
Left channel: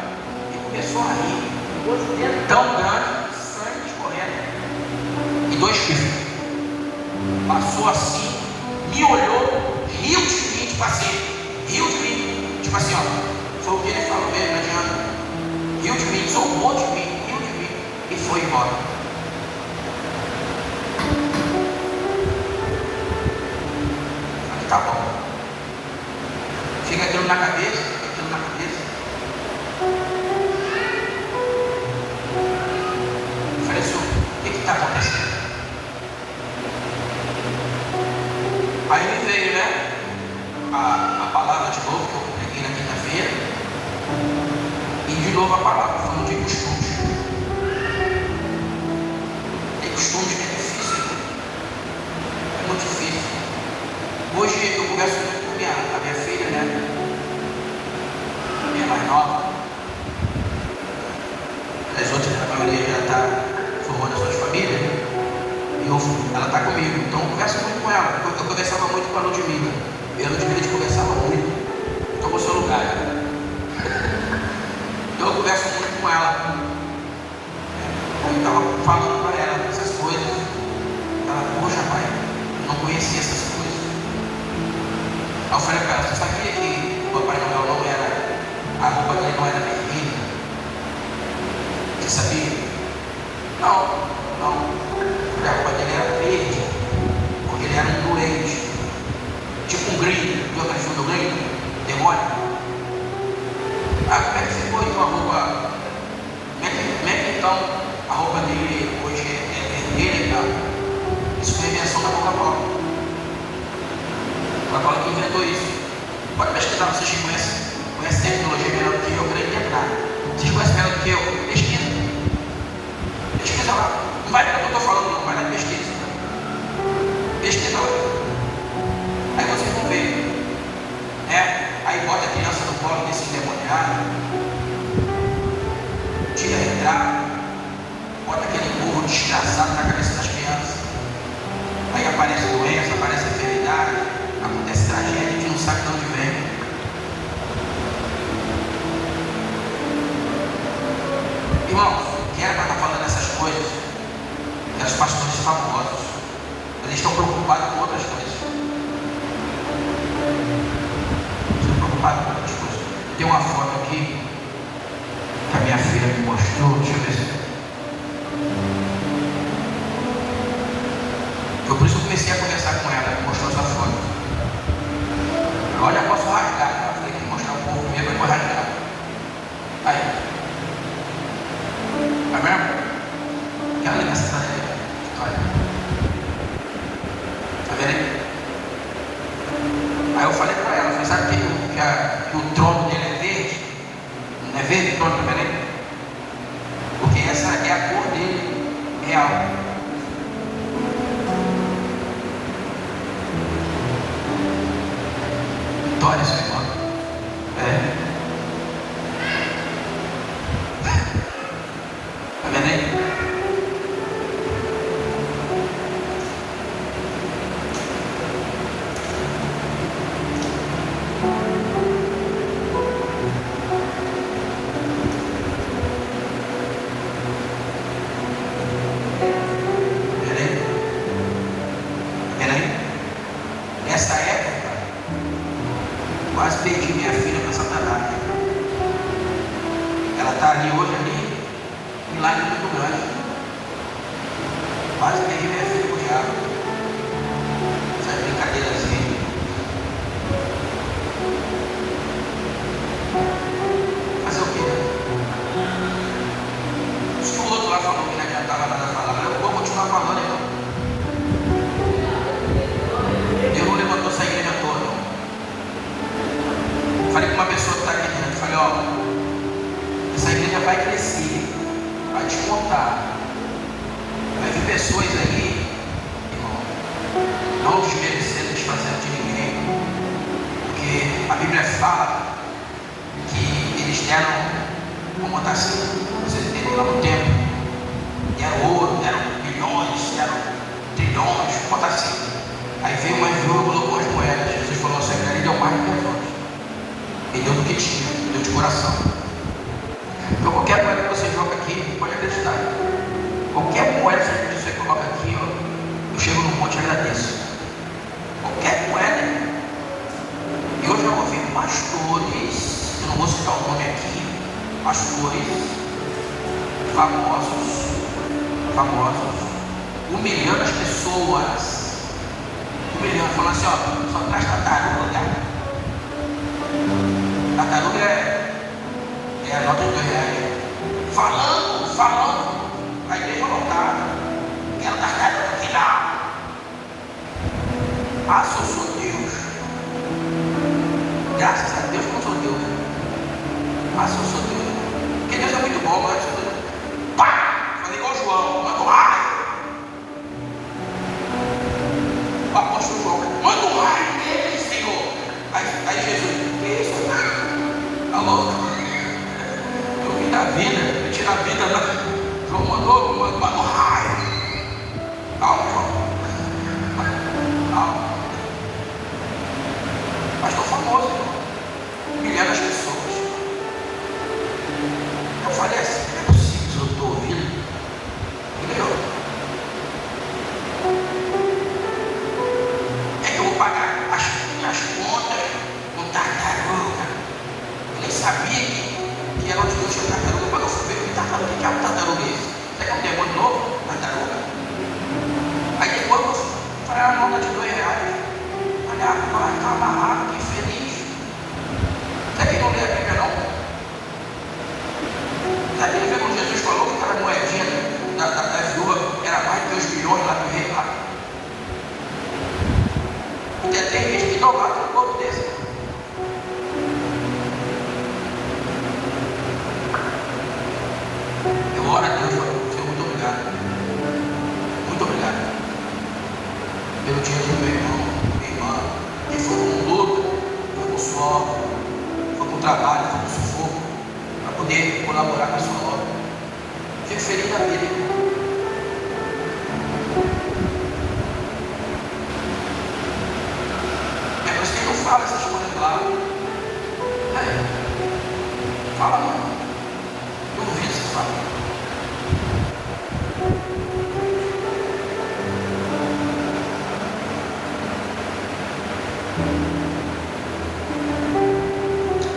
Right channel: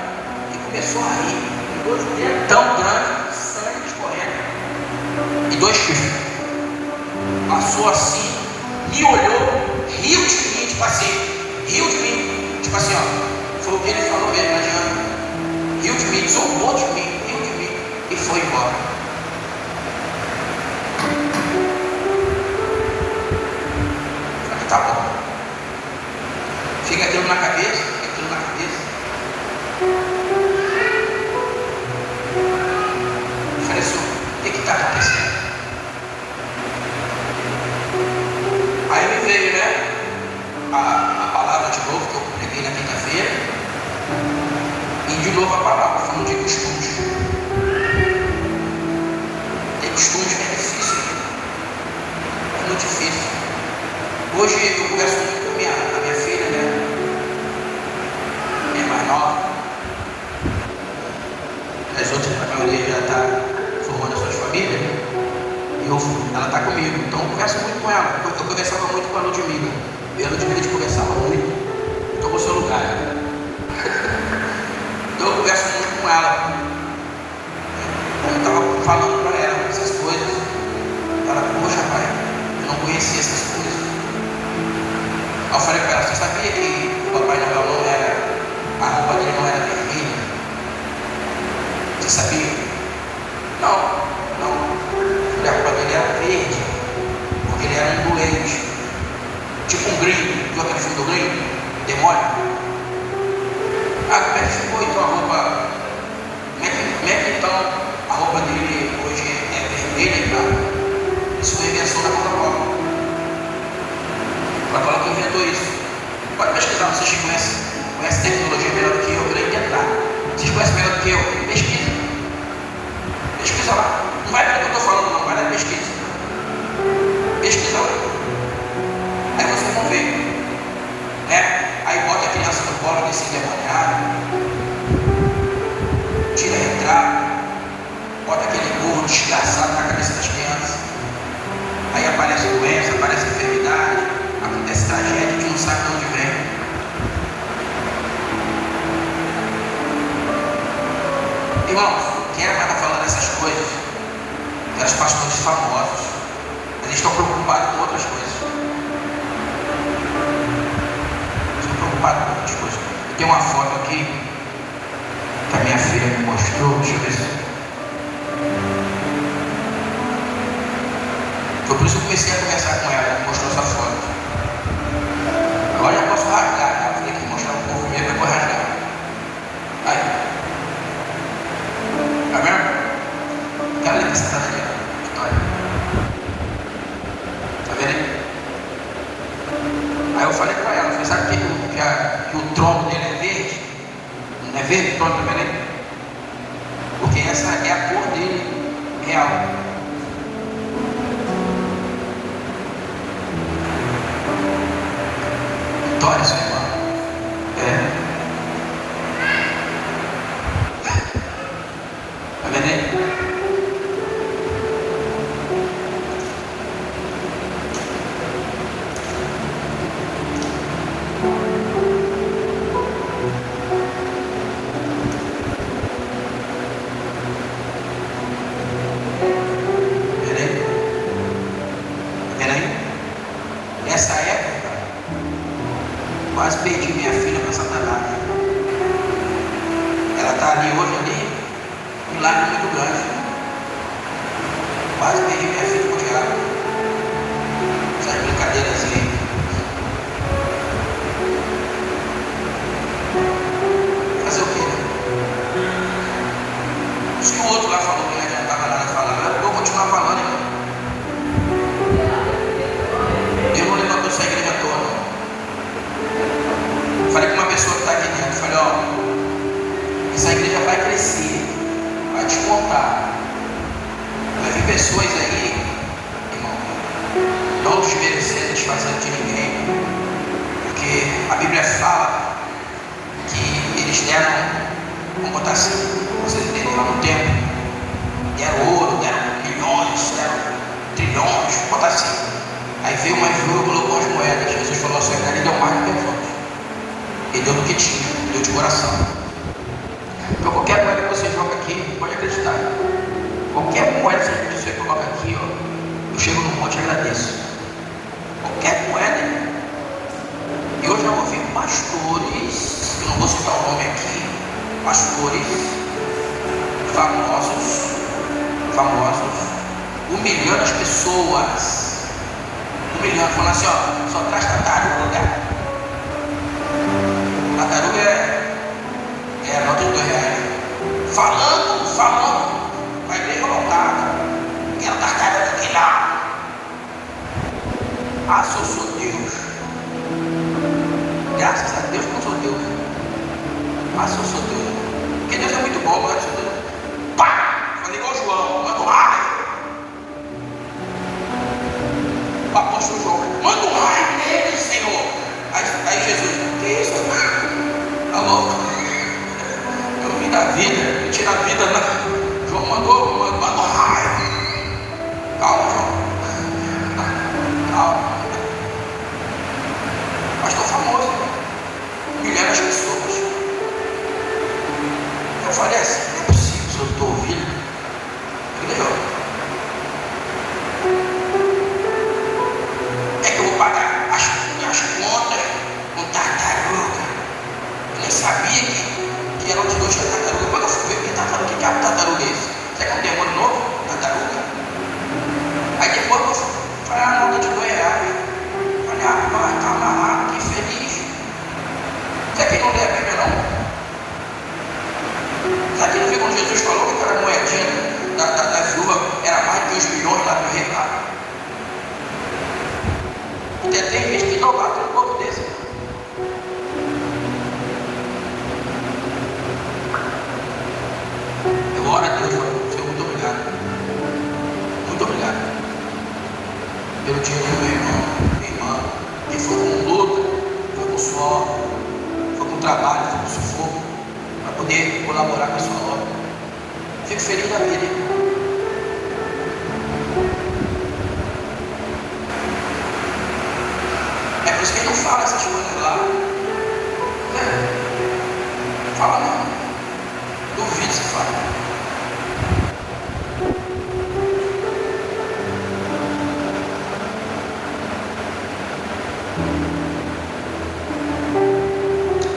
e começou a rir. 2 dedos tão grandes, sangue escorrendo e 2 chifres. Passou assim, me olhou, riu de mim, tipo assim, ó. Foi o que ele falou mesmo, não adianta. Riu de mim, zombou de mim, riu de mim e foi embora. Falei, tá bom. Fica aquilo na cabeça. Eu falei, senhor, o que está acontecendo? Aí me veio, né? A palavra de novo que eu preguei na quinta-feira. E de novo a palavra falando de costumes. Tem costumes que é difícil. É muito difícil. Hoje eu converso muito com a minha filha, né? Minha mais nova. As outras, a maioria já está formando as suas famílias. Ela está comigo, então eu converso muito com ela. Eu conversava muito com a Ludmilla. Eu e a Ludmilla conversava muito. Tomou seu lugar. Então eu converso muito com ela. Eu estava falando para ela essas coisas. Ela, poxa, pai, eu não conhecia essas coisas. Aí eu falei para ela, você sabia que o Papai Noel não era, a roupa dele não era vermelha? Você sabia? Não. A roupa dele era verde, porque ele era um doente. Tipo um gringo, viu aquele filme do gringo? Demônio. Como é que ficou então a roupa? Como é que então a roupa dele hoje é vermelha, cara? Isso foi invenção da Coca-Cola. A Coca-Cola que inventou isso. Pode pesquisar, vocês conhecem tecnologia melhor do que eu, para inventar. Vocês conhecem melhor do que eu? Pesquisa lá. Não vai pelo que eu estou falando, não, vai na pesquisa. Pesquisa lá. Aí vocês vão ver. Aí bota a criança no colo desse endemoniado, tira retrato, bota aquele burro desgraçado na cabeça das crianças. Aí aparece doença, aparece enfermidade, acontece tragédia que não sabe de onde vem. Irmãos, quem era para estar falando essas coisas? Os pastores famosos. Eles estão preocupados com outras coisas. Tem uma foto aqui que a minha deixa eu ver isso. Foi por isso que eu comecei a conversar com ela, ela mostrou essa foto. Agora eu posso rasgar, eu falei que mostrar um pouco mesmo, eu vou rasgar. Aí. Tá vendo? Quero ler essa daqui, olha. Tá vendo aí? Aí eu falei pra ela, eu falei, sabe que o tronco dele é verde? Não é verde o tronco, tá vendo aí? Porque essa é a cor dele real. Vitória, seu irmão. Tá vendo aí? Nessa época, quase perdi minha filha para Satanás. Ela está ali hoje, ali, um lago muito grande. Quase perdi minha filha para o diabo. Essas brincadeiras aí. Fazer o quê? Se o outro lá falou que não adiantava nada falar, eu vou continuar falando, irmão. Deus não levantou essa igreja toda. Falei com uma pessoa que está aqui dentro, falei, ó, essa igreja vai crescer, vai despontar. Vai vir pessoas aí, irmão, não desmerecendo, desfazendo de ninguém, porque a Bíblia fala que eles deram, vamos botar assim, vocês entenderam, no tempo, deram ouro, deram milhões, deram trilhões, vamos botar assim. Aí veio uma viúva e colocou as moedas. Jesus falou assim, ele deu mais do que os outros. Ele deu do que tinha, deu de coração. Então qualquer moeda que você joga aqui, pode acreditar. Qualquer moeda que você coloca aqui, ó, eu chego no monte e agradeço. Qualquer moeda. E hoje eu ouvi pastores, eu não vou citar o nome aqui, pastores famosos, humilhando as pessoas. Falando assim, ó, só traz tartaruga. Tartaruga é a nota de R$2. Falando, a igreja lotada. Quero tartaruga aqui lá. Ah, se eu sou Deus. Graças a Deus eu não sou Deus. Ah, se eu sou Deus. Porque Deus é muito bom, mas eu sou Deus. Pá! Mas igual João, manda um raio. O apóstolo João, manda um raio nele, Senhor. Aí Jesus, que isso? Alô? Eu vim da vida, eu tiro a vida lá. João mandou um raio. Calma, João. Calma. Mas estou famoso, humilhando as pessoas. Eu falei assim, não é possível, se eu estou ouvindo. Entendeu? É que eu vou pagar as minhas contas em tartaruga. Eu nem sabia que era o de hoje da tartaruga. Quando eu fui ver que tartaruga, que diabo de tartaruga é esse? Será que é um demônio novo? Tartaruga? Aí depois eu falei, ah, não, de R$2. Falei, ah, vai estar amarrado, que feliz. Será que não lê a Bíblia não? Será que não vê quando Jesus falou que aquela moedinha da viúva era mais de 2 milhões lá no rei lá? Tem gente que não vai para um povo desse. Glória a Deus, Senhor, muito obrigado. Muito obrigado. Pelo dinheiro do meu irmão, minha irmã, que foi com luto, foi com suor, foi com trabalho, foi com sufoco, para poder colaborar com a sua obra. Fico feliz da vida. É por isso que ele não fala essas coisas lá. Fala não. Duvido se fala.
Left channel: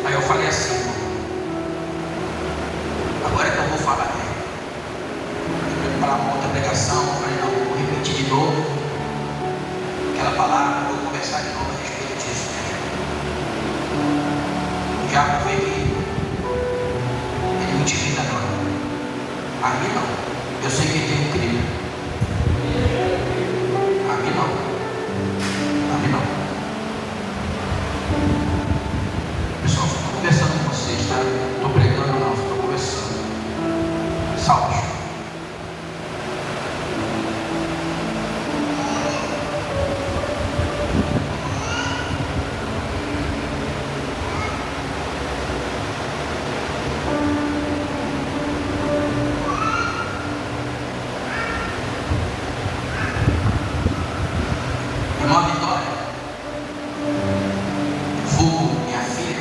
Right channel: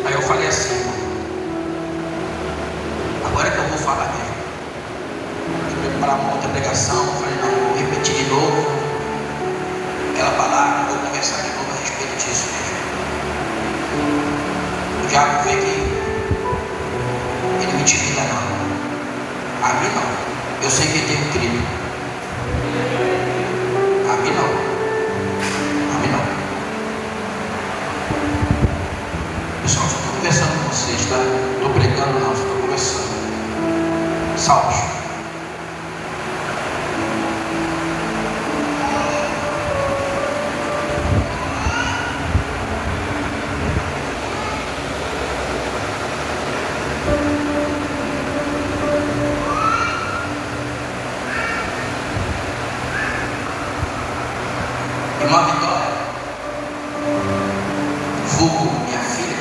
Aí eu falei assim, agora é que eu vou falar mesmo. pregação, eu falei, não, vou repetir de novo aquela palavra, vou conversar de novo a respeito disso mesmo. O diabo vê que ele me intimida, não. A mim não. Eu sei que tenho crido. A mim não. A mim não. Pessoal, estou conversando com vocês, tá? Estou pregando, não, estou conversando. Salve. Irmã Vitória, vulgo minha filha,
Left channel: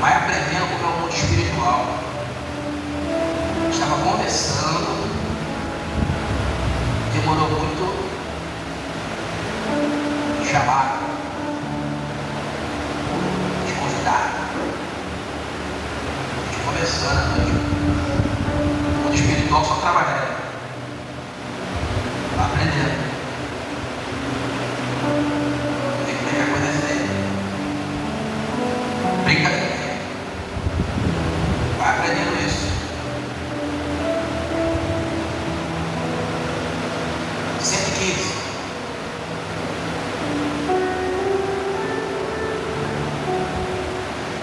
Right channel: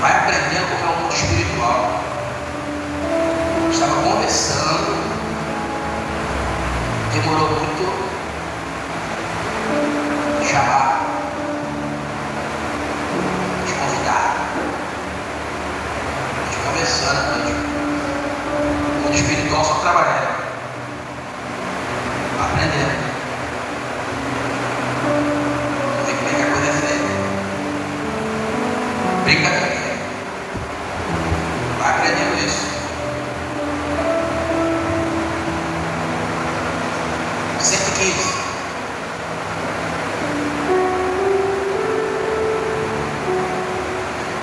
vai aprendendo como é o mundo espiritual. Estava conversando, demorou muito chamar os convidados, conversando à noite. O mundo espiritual só trabalhando, aprendendo. Brincadeira. Vai aprendendo isso. 115.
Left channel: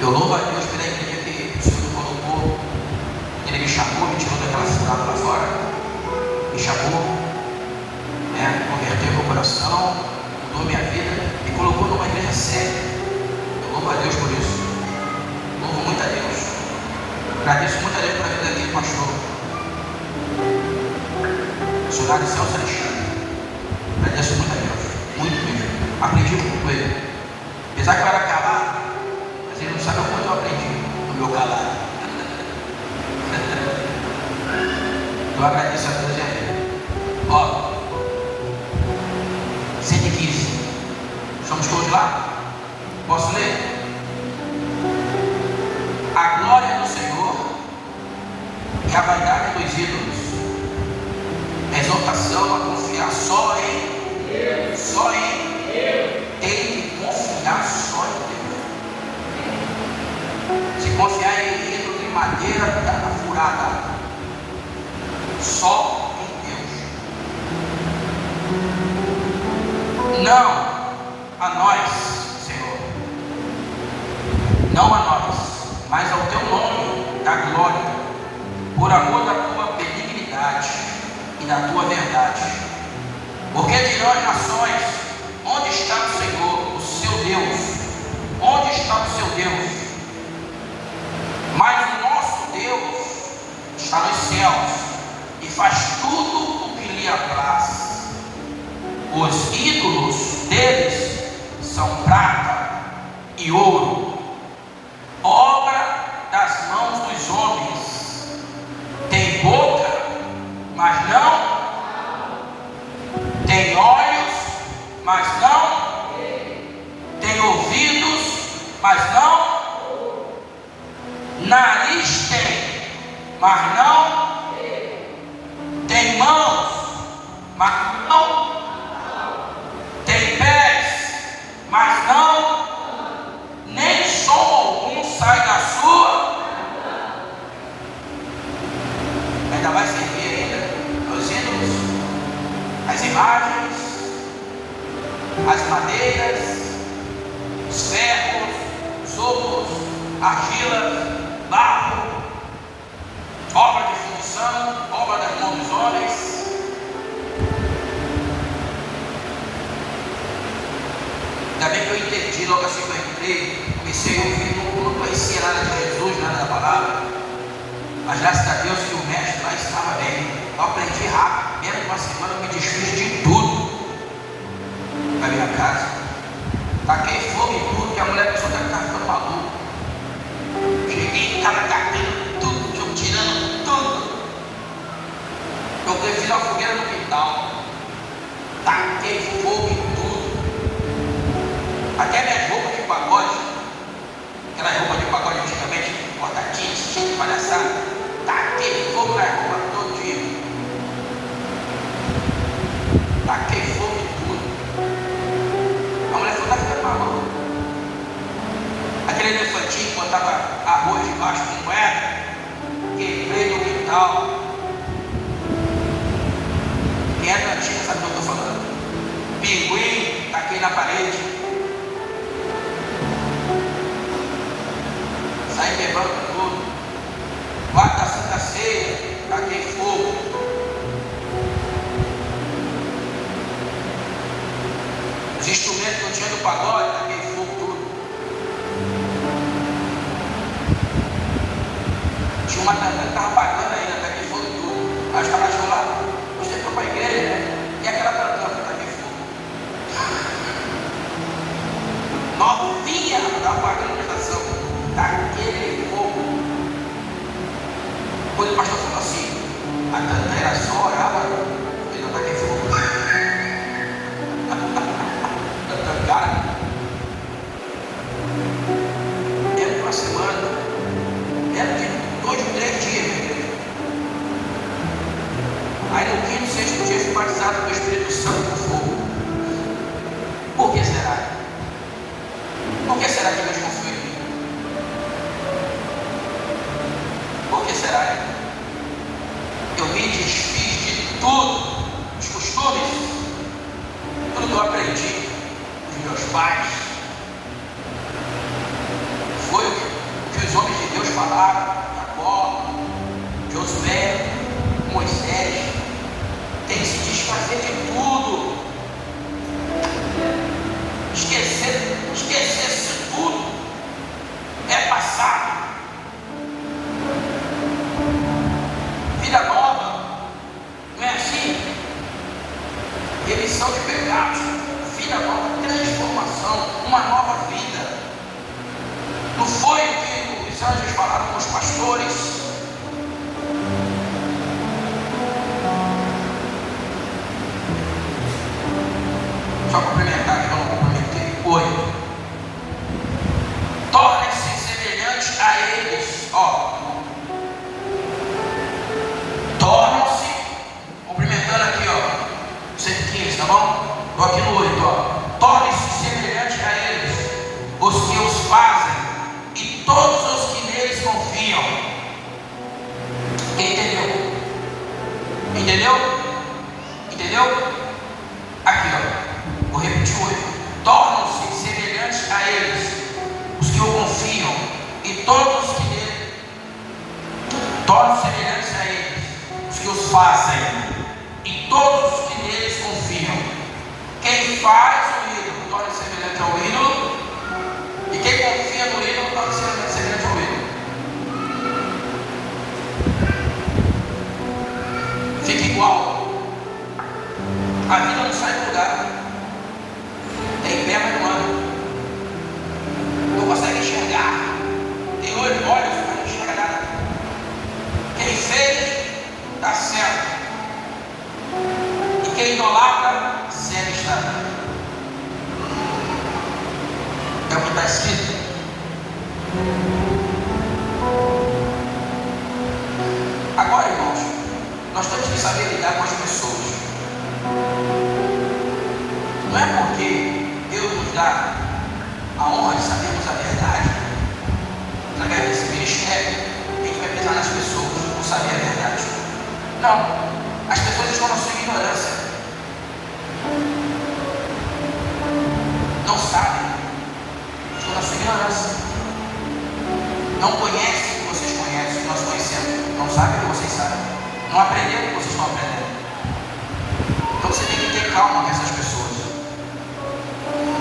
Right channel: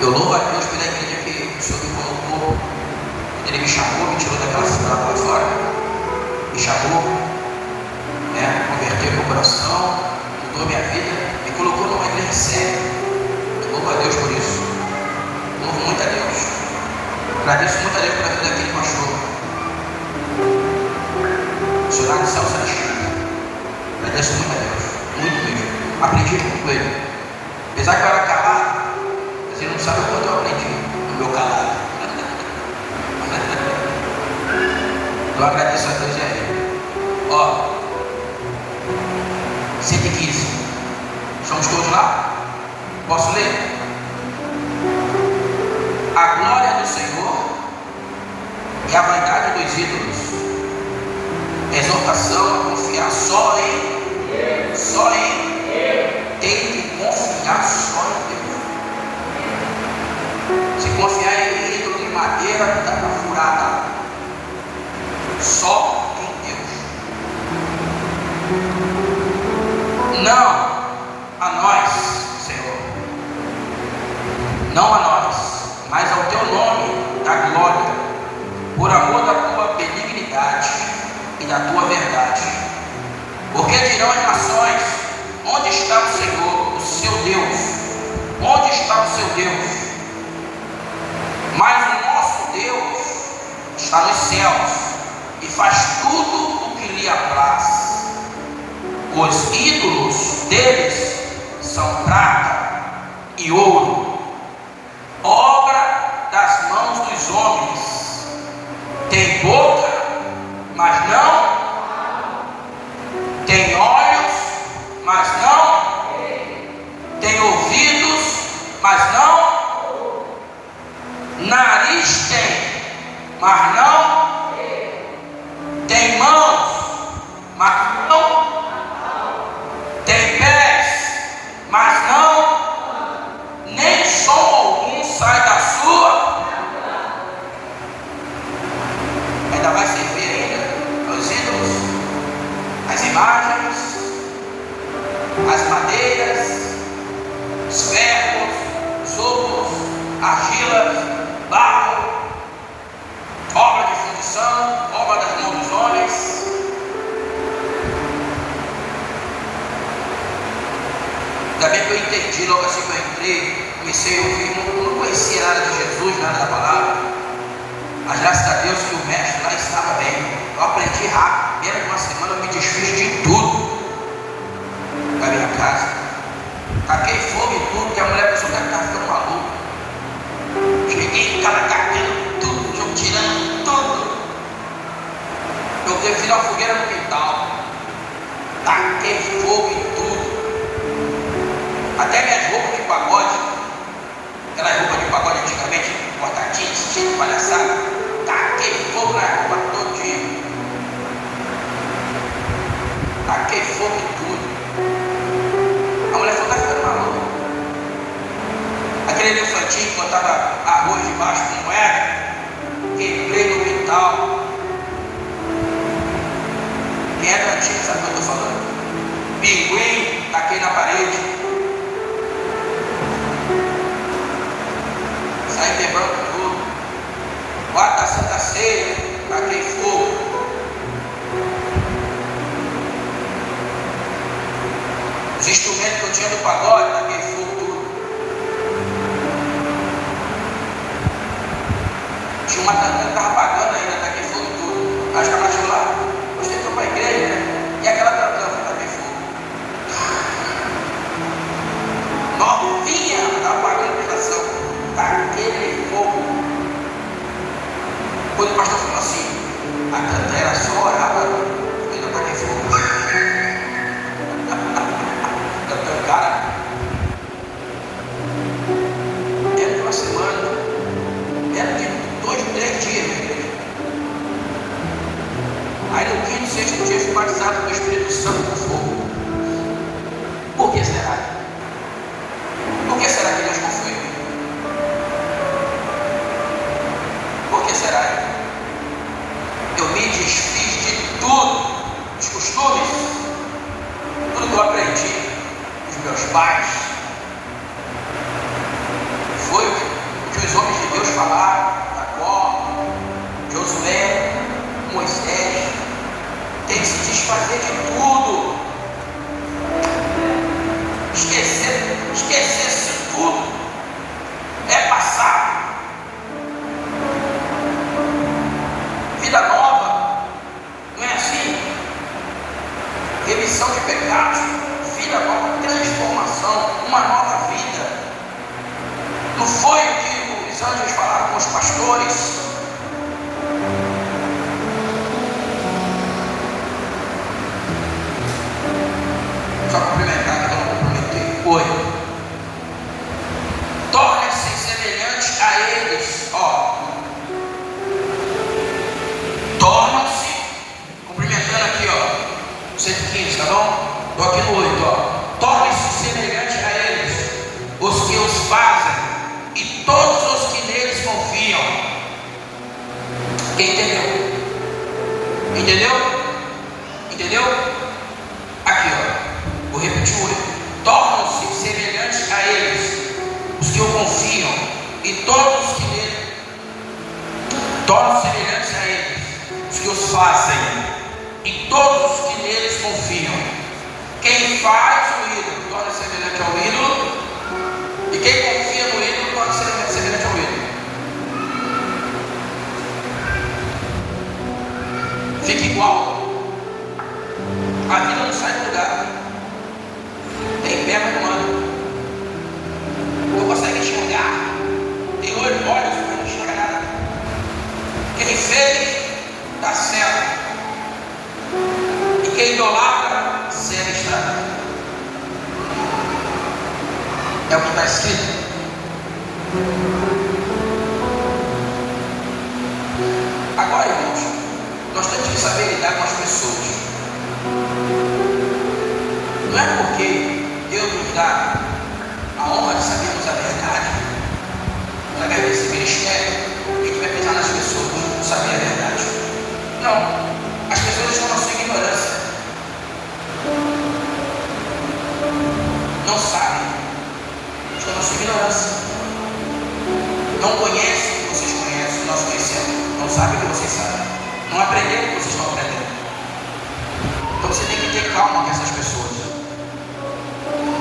Eu louvo a Deus pela igreja que o Senhor me colocou. Ele me chamou, me tirou daquela cidade para fora. Me chamou, né? Converteu meu coração, mudou minha vida, me colocou numa igreja séria. Eu louvo a Deus por isso. Louvo muito a Deus. Agradeço muito a Deus pela vida daquele pastor. Missionário Celso Alexandre. Agradeço muito a Deus. Muito mesmo. Aprendi muito com ele. Apesar que eu era calado, mas ele não sabe o quanto eu aprendi no meu calado. Então eu agradeço a Deus e a ele. Ó, 115. Estamos todos lá? Posso ler? A glória do Senhor e a vaidade dos ídolos. Exortação a confiar só em Deus. Tem que confiar só em Deus. Se confiar em ídolo de madeira, está furada. Só em Deus. Não a nós, Senhor. Não a nós, mas ao teu nome da glória, por amor da tua benignidade e da tua verdade. Porque dirão as nações: onde está o Senhor, o seu Deus? Onde está o seu Deus? Mas o nosso Deus está nos céus e faz tudo o que lhe apraz. Os ídolos deles são prata e ouro, obra das mãos dos homens. Tem boca, mas não. Tem olhos, mas não. Tem ouvidos, mas não. Nariz tem, mas não. Tem mãos, mas não. Tem pés, mas não. Nem som algum sai da sua. Ainda vai servir ainda os ídolos, as imagens, as madeiras, os ferros, os outros, argilas, barro, obra de fundição, obra das mãos dos homens. Ainda bem que eu entendi logo assim que eu entrei, comecei a ouvir, não conhecia nada de Jesus, nada da palavra, mas graças a Deus que o mestre lá ensinava bem. Eu aprendi rápido, menos de uma semana eu me desfiz de tudo na minha casa. Taquei fogo em tudo, que a mulher pensou que estava ficando maluca. Cheguei, estava tacando tudo, tirando tudo. Eu fiz uma fogueira no quintal. Taquei fogo em tudo. Até minhas roupas de pagode, Tinha uma tanta que estava pagando ainda, até que fogo tudo. Acho que ela chegou lá, você entrou para a igreja, né? E aquela tanta está que fogo. Novinha, estava pagando a prestação daquele fogo. Quando o pastor falou assim, a tanta era só água, ele não pode fogo. Cara, era uma semana, era 2, 3 dias. Aí no quinto, sexto dia, fui batizado do Espírito Santo do fogo. Por que será? Por que será que Deus não foi? Por que será? Eu me desfiz de tudo, os costumes, tudo que eu aprendi dos meus pais. Foi o que os homens de Deus falaram, Jacó, Josué, Moisés. Tem que se desfazer de tudo. Esquecer isso tudo. É passado. Vida nova. Não é assim? Remissão de pecados. Vida nova. Transformação. Uma nova vida. Não foi o que os anjos falaram com os pastores. Só cumprimentar, que eu não cumprimentei. Oi. Torne-se semelhante a eles. Ó. Tornam-se. Cumprimentando aqui, ó. 115, tá bom? Estou aqui no 8, ó. Tornem-se semelhante a eles, os que os fazem, e todos os que neles confiam. Quem entendeu? Entendeu? Entendeu? Aqui, ó. Vou repetir o 8. Tornam-se semelhantes a eles, os que o confiam, e todos os que nele. Tornam-se semelhantes a eles, os que os fazem, e todos os que neles confiam. Quem faz o ídolo torna-se semelhante ao ídolo, e quem confia no ídolo torna-se semelhante ao ídolo. Fica igual. A vida não sai do lugar. Tem perna humana. Não consegue enxergar. Tem olhos para enxergar nada. Quem fez, dá certo. E quem idolatra, segue está. É o que está escrito. Agora, irmãos, nós temos que saber lidar com as pessoas. Não é porque Deus nos dá a honra de sabermos a verdade, saber desse ministério, que a gente vai pensar nas pessoas, não saber a verdade. Não, as pessoas estão na sua ignorância. Não sabem, estão na sua ignorância. Não conhecem o que vocês conhecem, o que nós conhecemos. Não sabem o que vocês sabem. Não aprenderam o que vocês estão aprendendo. Então você tem que ter calma com essas pessoas.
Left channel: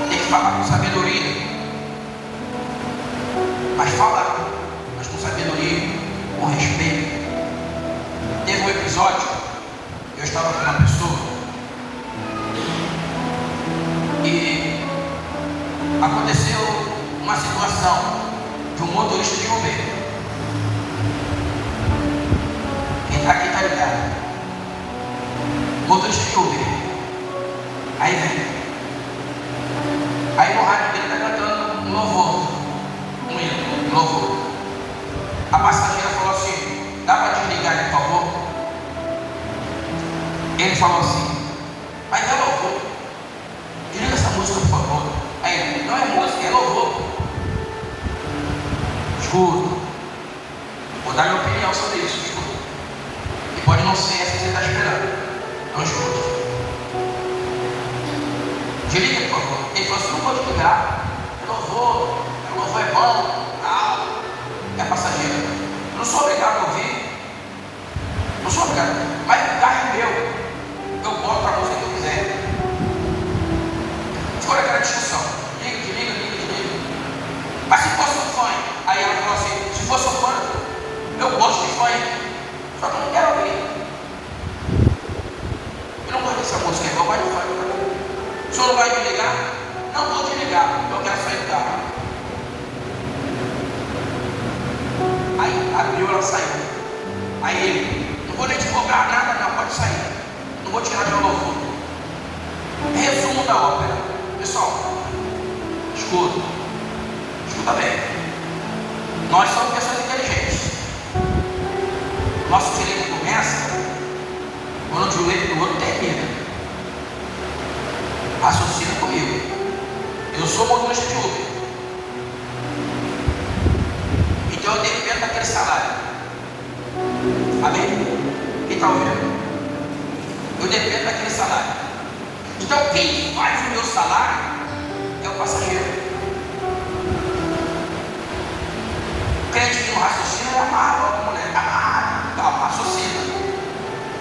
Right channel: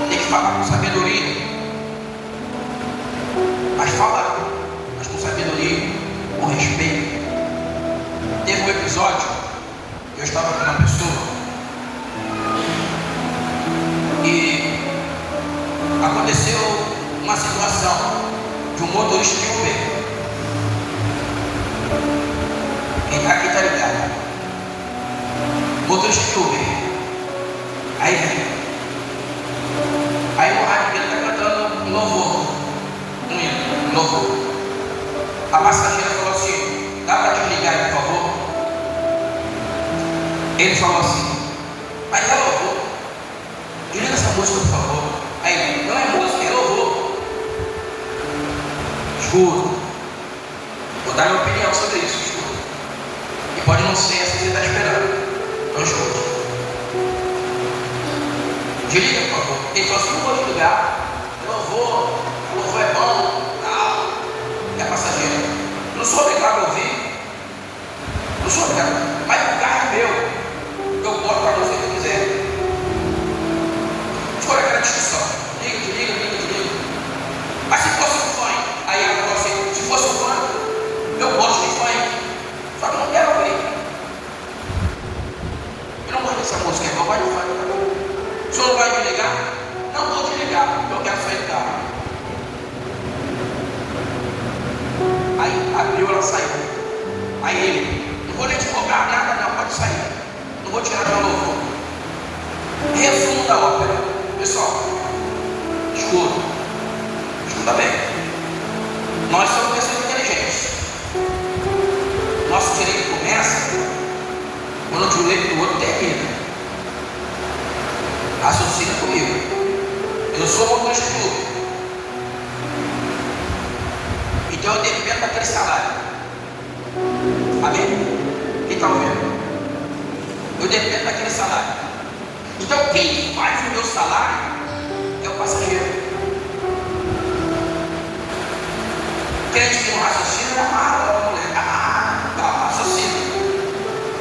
Tem que falar com sabedoria. Mas fala com sabedoria, com respeito. Teve um episódio, eu estava com uma pessoa e aconteceu uma situação de um motorista de Uber. Quem está aqui está ligado. Motorista de Uber. Aí vem. Aí o rádio dele está cantando um louvor. Um hino, um louvor. A passageira falou assim: dá para desligar aí, por favor? Ele falou assim: mas é louvor. Desliga essa música, por favor. Aí, não é música, é louvor. Escuta. Vou dar minha opinião sobre isso, escuta. E pode não ser essa que você está esperando. Então escuta. Desliga, por favor. Ele falou assim: não vou desligar. Louvor é bom, tal. É passageiro. Não sou obrigado a ouvir. Não sou obrigado. Mas o carro é meu. Eu boto para você o que eu quiser. Foi aquela discussão. Desliga. Mas se fosse um fã, aí ela falou assim: se fosse um fã, eu gosto de e o outro termina. Raciocina comigo. Eu sou motorista de Uber. Então eu dependo daquele salário. Amém? Quem está ouvindo? Eu dependo daquele salário. Então quem faz o meu salário é o passageiro. O crente que não raciocina é amado, a mulher.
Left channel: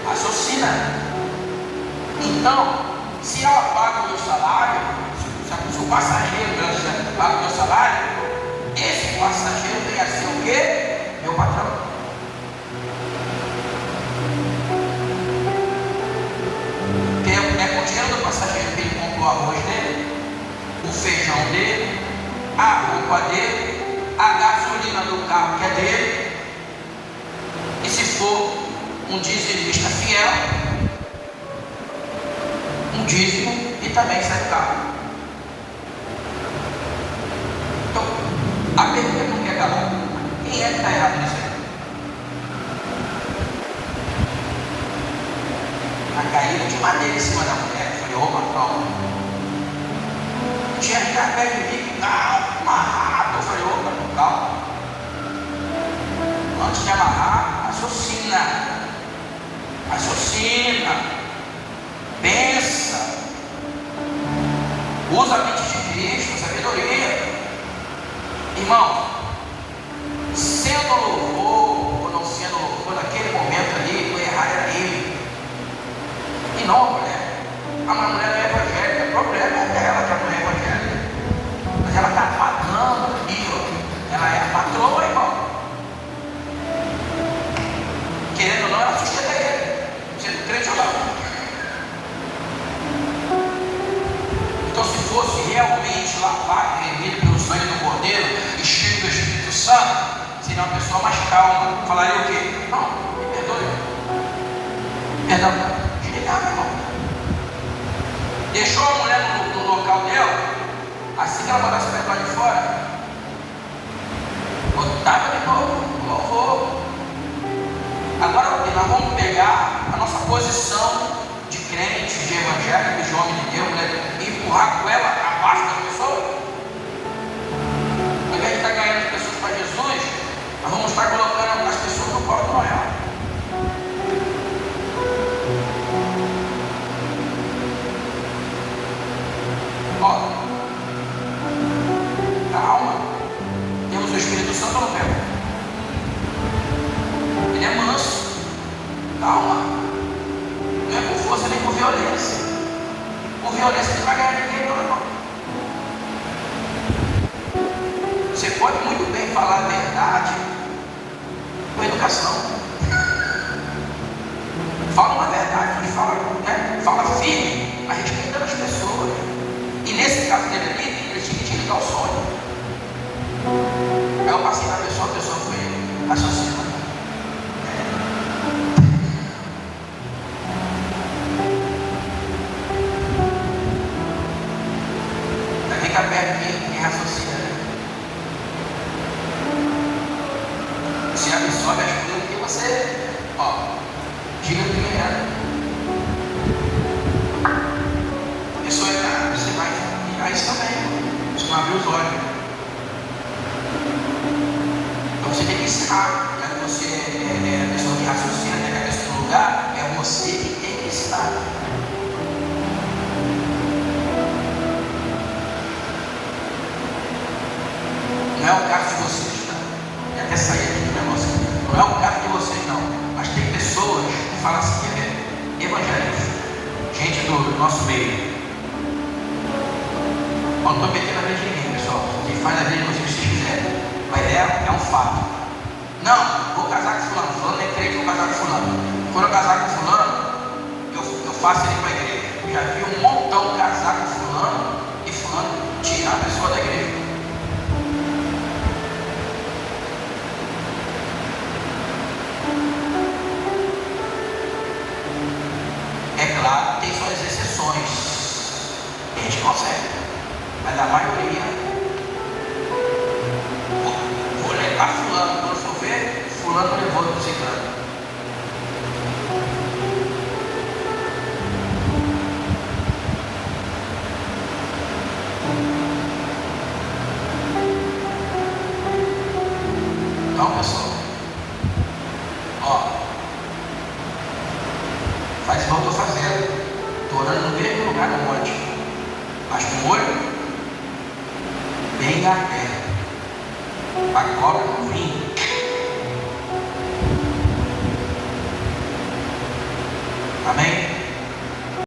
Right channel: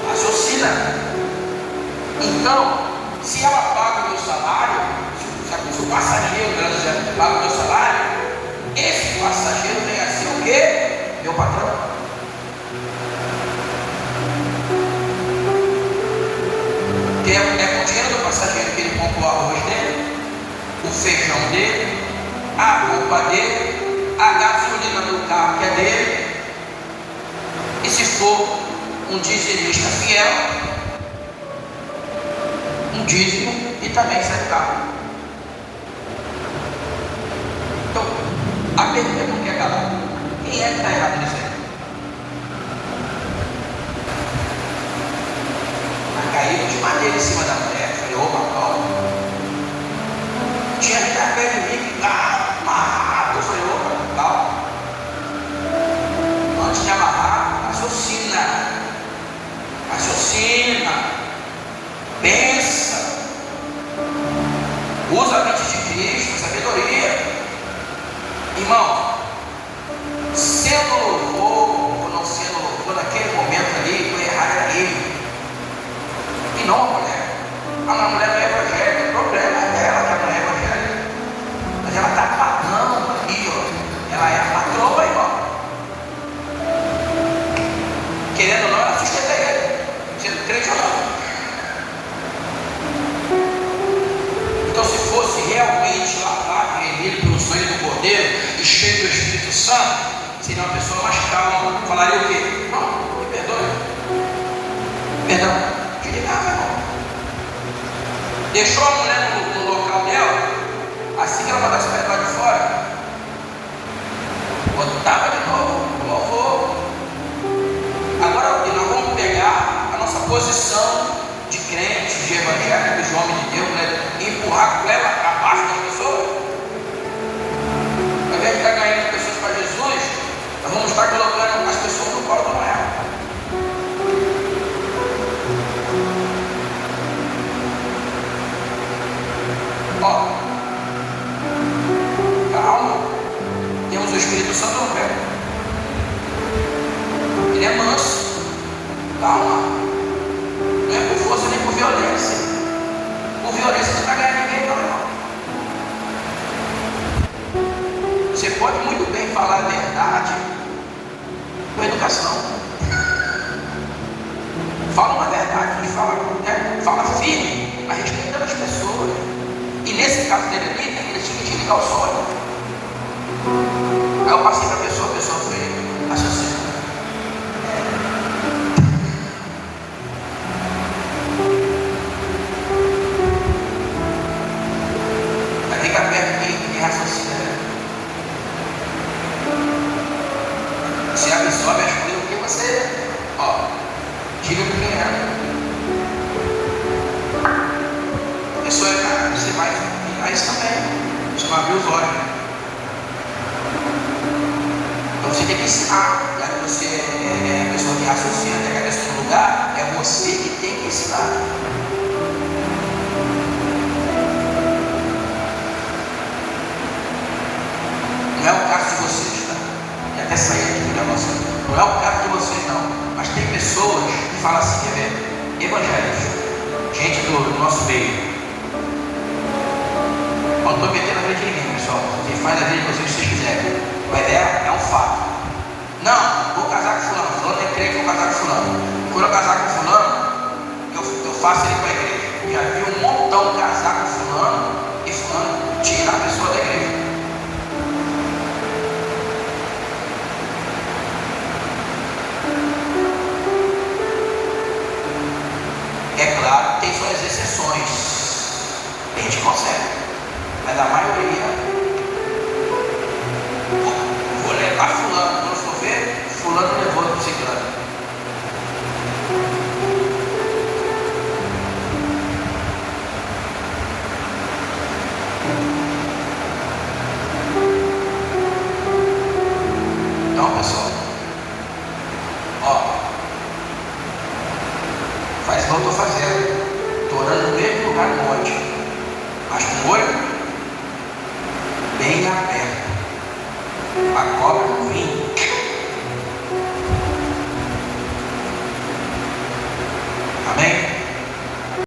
Raciocina. Então, se ela paga o meu salário, se o passageiro paga o meu salário, esse passageiro vem a ser o quê? Meu patrão. Que é com o dinheiro do passageiro que ele comprou o arroz dele, o feijão dele, a roupa dele, a gasolina do carro que é dele. E se for um dizimista fiel, um dízimo e também sai do carro. Então, a pergunta que é calada: quem é que está errado nisso aí? Vai cair de maneira em cima da mulher. Falei, opa, Paulo. Tinha gente até de mim que amarrado. Eu falei, opa, calma. Antes de amarrar, raciocina. Pensa, usa a mente de Cristo, sabedoria. Irmão, sendo louvor ou não sendo louvor, naquele momento ali, foi errado ali. E não, né? A mulher não é evangélica, o problema é dela que não é evangélica. Mas ela está pagando ali, ó. Ela é patroa, irmão. Querendo ou não, ela sustenta ele. Sendo crente ou não. Então, se fosse realmente lá, remido pelo sangue do Cordeiro, cheio do Espírito Santo, seria uma pessoa mais calma. Falaria o quê? Não, me perdoe. Perdão. Desligava, irmão. Deixou a mulher no local dela, assim que ela mandasse para lá de fora, botava de novo, louvor. Agora nós vamos pegar a nossa posição de crente, de evangélico, de homem de Deus, né? E empurrar com ela abaixo das pessoas. Ao invés de estar ganhando as pessoas para Jesus, nós vamos estar colocando as pessoas no colo do Noel. Ó, calma. Temos o Espírito Santo no pé. Ele é manso. Calma. Não é por força nem por violência. Por violência você não vai ganhar ninguém, não, irmão. Você pode muito bem falar a verdade com educação. Fala uma verdade, fala firme, a respeito das pessoas. E nesse caso dele aqui, ele tinha que ligar o sonho. Aí eu passei para a pessoa foi associada. Fica perto quem raciocina. Se a pessoa vai escolher o que você, diga para quem é. A pessoa é, você vai virar isso também. Você vai abrir os olhos. Então você tem que ensinar. Não é você a pessoa que raciocina, tem a cabeça no lugar, é você que tem que ensinar. Não é o caso de vocês, tá? E até sair aqui para você. Não é o caso de vocês, não. Mas tem pessoas que falam assim, evangélicos, gente do nosso meio. Não estou metendo a frente de ninguém, pessoal. Vocês fazem a vida de vocês se vocês quiserem. A ideia é um fato. Não, vou casar com fulano. Fulano é crente, vou casar com fulano. Quando eu casar com fulano, eu faço ele para a igreja. Já vi um montão casar com fulano e fulano tirar a pessoa da igreja. É claro, tem suas exceções. A gente consegue. Mas a maioria, vou levar fulano, quando for ver, fulano levou no ciclano. mas com o olho bem aberto. A cobra